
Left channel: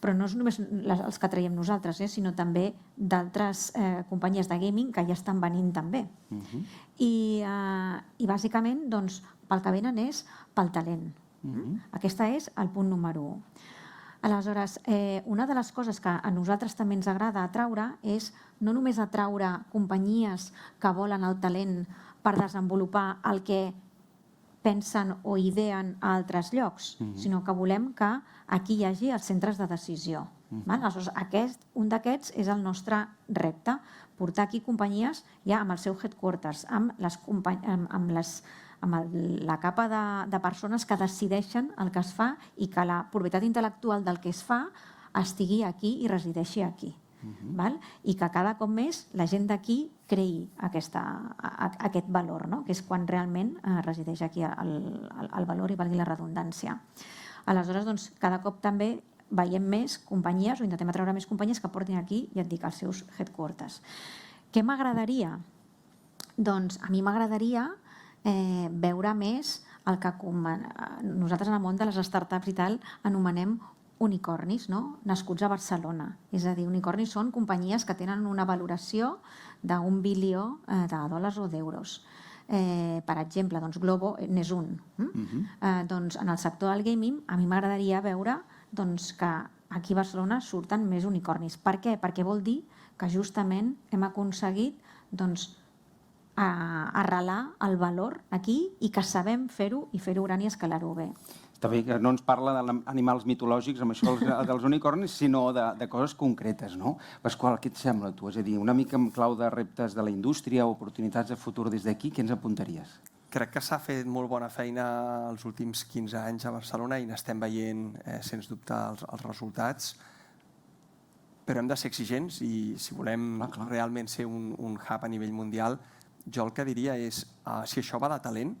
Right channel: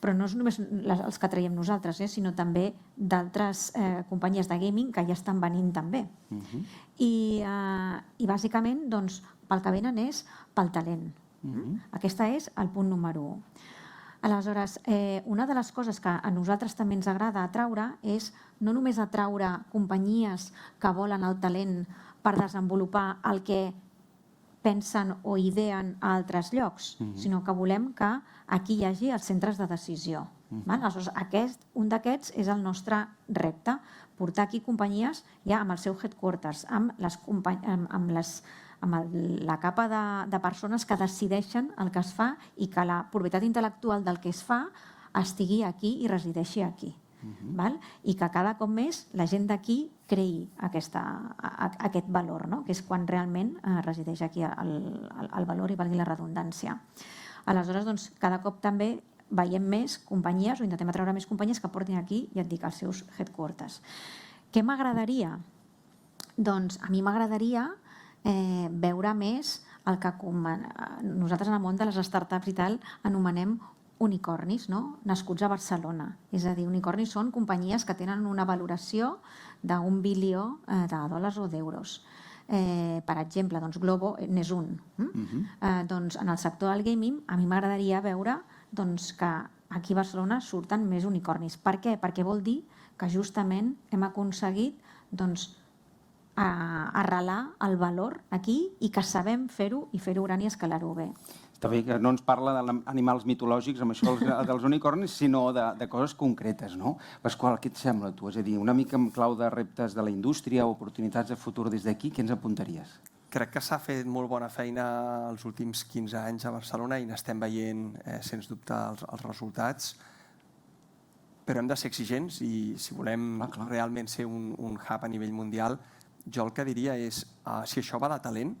Però no és només els que traiem nosaltres, sinó també d'altres companyies de gaming que ja estan venint també. i bàsicament doncs, pel que venen és pel talent. Aquest és el punt número 1. Aleshores, una de les coses que a nosaltres també ens agrada atraure és no només atraure companyies que volen el talent per desenvolupar el que pensen o ideen a altres llocs, sinó que volem que aquí hi hagi els centres de decisió. Aleshores, un d'aquests és el nostre repte, portar aquí companyies ja amb el seu headquarters, amb la capa de persones que decideixen el que es fa i que la propietat intel·lectual del que es fa estigui aquí i resideixi aquí. I que cada cop més la gent d'aquí creï aquest valor, que és quan realment resideix aquí el valor i valgui la redundància. Aleshores, cada cop també veiem més companyies o intentem atraure més companyies que portin aquí, ja et dic, els seus headquarters. Què m'agradaria? Doncs a mi m'agradaria veure més el que nosaltres en el món de les startups i tal anomenem unicornis, nascuts a Barcelona. És a dir, unicornis són companyies que tenen una valoració d'1 bilió de dòlars o d'euros. Per exemple, Globo n'és un. En el sector del gaming a mi m'agradaria veure que aquí a Barcelona surten més unicornis. Per què? Perquè vol dir que justament hem aconseguit arrelar el valor aquí i que sabem fer-ho i fer-ho gran i escalar-ho bé. Està bé que no ens parla d'animals mitològics, amb això dels unicornis, sinó de coses concretes, no? Pasqual, què et sembla, tu? És a dir, una mica en clau de reptes de la indústria o oportunitats de futur des d'aquí, què ens apuntaries? Crec que s'ha fet molt bona feina els últims 15 anys a Barcelona i n'estem veient, sens dubte, els resultats. Però hem de ser exigents i si volem realment ser un hub a nivell mundial, jo el que diria és, si això va de talent,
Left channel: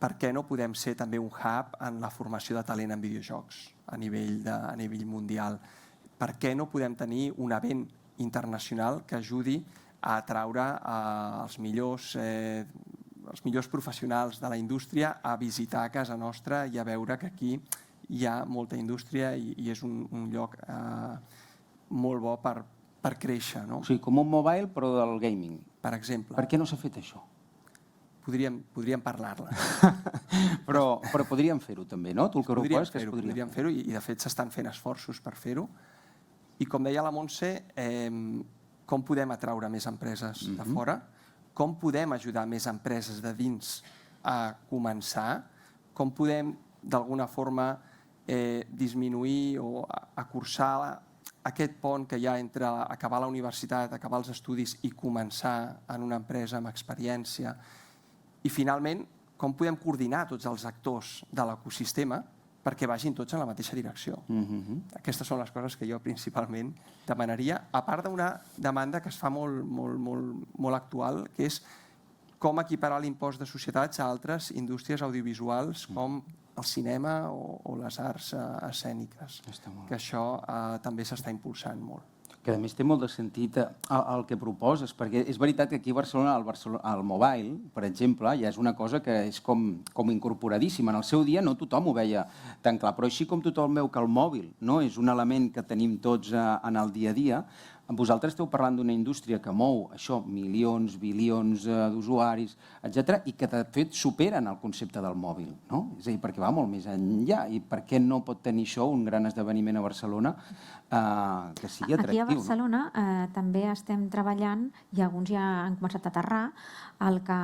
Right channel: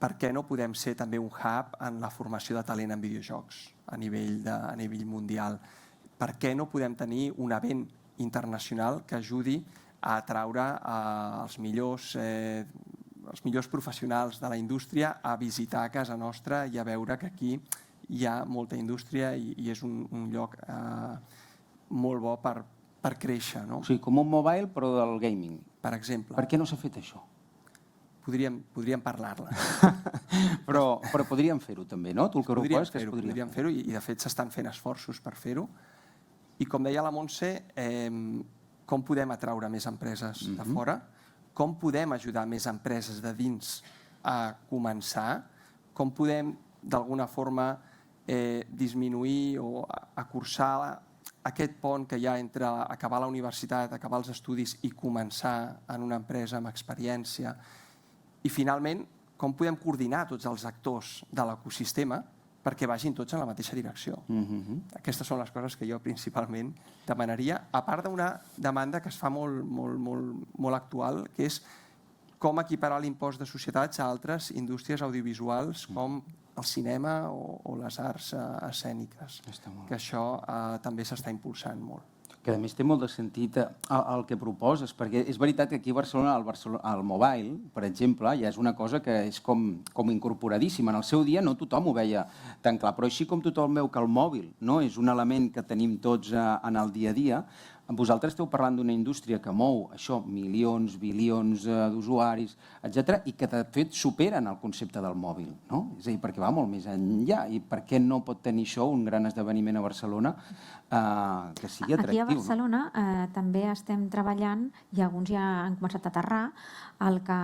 per què no podem ser també un hub en la formació de talent en videojocs a nivell mundial? Per què no podem tenir un event internacional que ajudi a atraure els millors professionals de la indústria a visitar casa nostra i a veure que aquí hi ha molta indústria i és un lloc molt bo per créixer, no? O sigui, com un mobile però del gaming. Per exemple. Per què no s'ha fet això? Podríem parlar-ne. Però podríem fer-ho també, no? Tu el que proposes que es podríem fer-ho i de fet s'estan fent esforços per fer-ho. I com deia la Montse, com podem atraure més empreses de fora? Com podem ajudar més empreses de dins a començar? Com podem d'alguna forma disminuir o acurçar aquest pont que hi ha entre acabar la universitat, acabar els estudis i començar en una empresa amb experiència? I finalment, com podem coordinar tots els actors de l'ecosistema perquè vagin tots en la mateixa direcció? Aquestes són les coses que jo principalment demanaria, a part d'una demanda que es fa molt actual, que és com equiparar l'impost de societats a altres indústries audiovisuals com el cinema o les arts escèniques, que això també s'està impulsant molt. Que a més té molt de sentit el que proposes, perquè és veritat que aquí a Barcelona el mobile, per exemple, ja és una cosa que és com incorporadíssima. En el seu dia no tothom ho veia tan clar, però així com tothom veu que el mòbil és un element que tenim tots en el dia a dia, vosaltres esteu parlant d'una indústria que mou això, milions, bilions d'usuaris, etc., i que de fet superen el concepte del mòbil, no? És a dir, perquè va molt més enllà. I per què no pot tenir això un gran esdeveniment a Barcelona que sigui atractiu? Aquí a Barcelona també estem treballant, i alguns ja han començat a aterrar, el que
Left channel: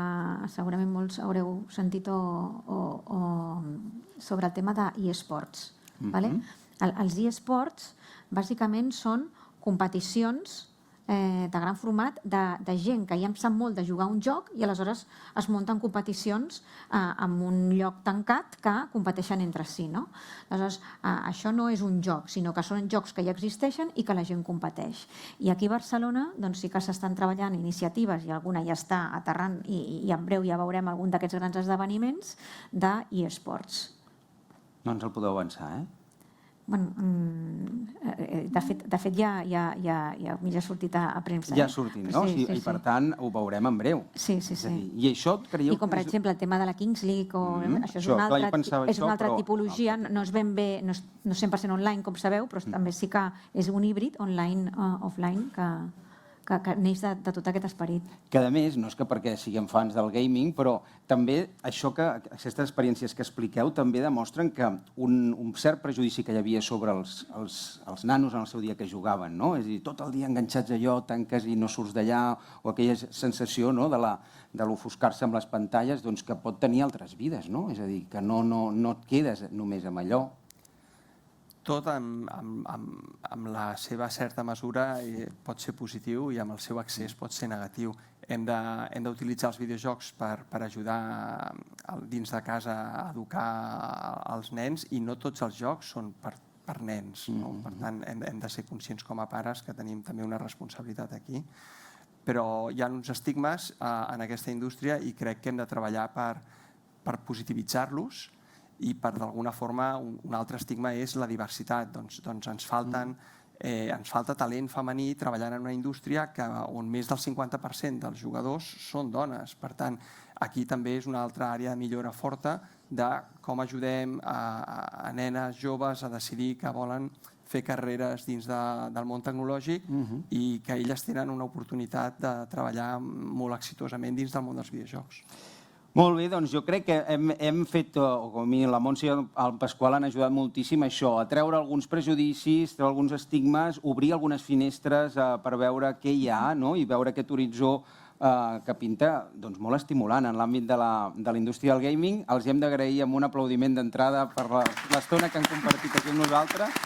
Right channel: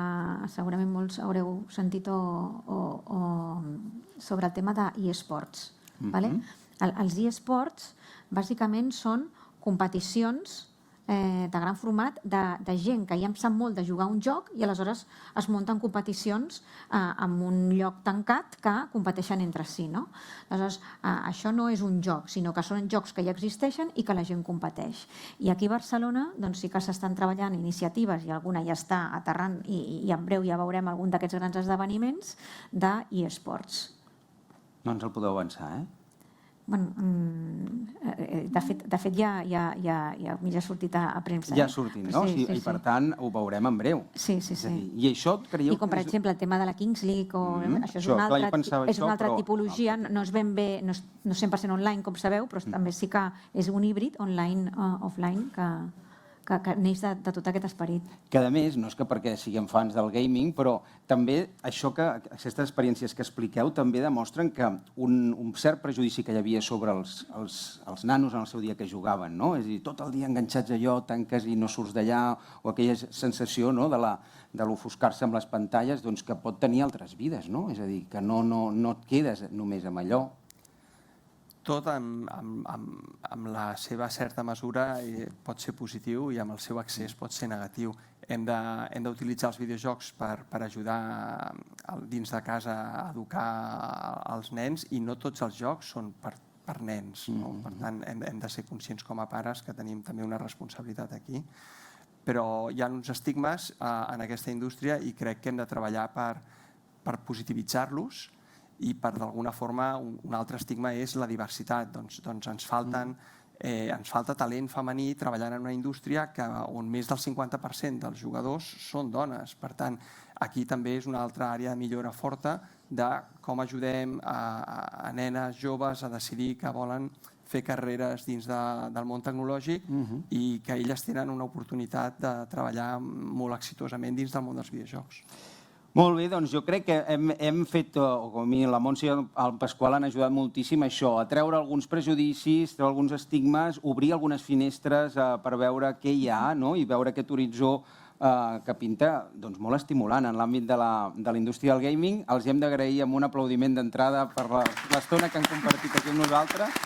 segurament molts haureu sentit sobre el tema d'e-sports. Els e-sports bàsicament són competicions de gran format de gent que ja en sap molt de jugar un joc i aleshores es munten competicions en un lloc tancat que competeixen entre si, no? Aleshores, això no és un joc, sinó que són jocs que ja existeixen i que la gent competeix. I aquí a Barcelona sí que s'estan treballant iniciatives i alguna ja està aterrant i en breu ja veurem algun d'aquests grans esdeveniments d'e-sports. No ens el podeu avançar, eh? De fet ja ha sortit a premsa. Ja ha sortit, no? I per tant ho veurem en breu. Sí. I això creieu... I com per exemple el tema de la Kings League, això és una altra tipologia, no és ben bé, no és 100% online, com sabeu, però també sí que és un híbrid online-offline que neix de tot aquest esperit. Que a més, no és que perquè siguem fans del gaming, però també aquestes experiències que expliqueu també demostren que un cert prejudici que hi havia sobre els nanos en el seu dia que jugaven, no? És a dir, tot el dia enganxats a allò, tanques i no surts d'allà, o aquella sensació de l'ofuscar-se amb les pantalles, doncs que pot tenir altres vides, no? És a dir, que no et quedes només amb allò. Tot amb la seva certa mesura pot ser positiu i amb el seu accés pot ser negatiu. Hem d'utilitzar els videojocs per ajudar dins de casa a educar els nens i no tots els jocs són per nens. Per tant, hem de ser conscients com a pares que tenim també una responsabilitat aquí. Però hi ha uns estigmes en aquesta indústria i crec que hem de treballar per positivitzar-los i per d'alguna forma un altre estigma és la diversitat. Doncs ens falta talent femení treballant en una indústria on més del 50% dels jugadors són dones. Per tant, aquí també és una altra àrea de millora forta de com ajudem a nenes joves a decidir que volen fer carreres dins del món tecnològic i que elles tenen una oportunitat de treballar molt exitosament dins del món dels videojocs. Molt bé, doncs jo crec que hem fet, o com a mi la Montse i el Pasqual han ajudat moltíssim a això, a treure alguns prejudicis, treure alguns estigmes, obrir algunes finestres per veure què hi ha i veure aquest horitzó que pinta molt estimulant en l'àmbit de la indústria del gaming. Els hem d'agrair amb un aplaudiment d'entrada per l'estona que han compartit aquí amb nosaltres.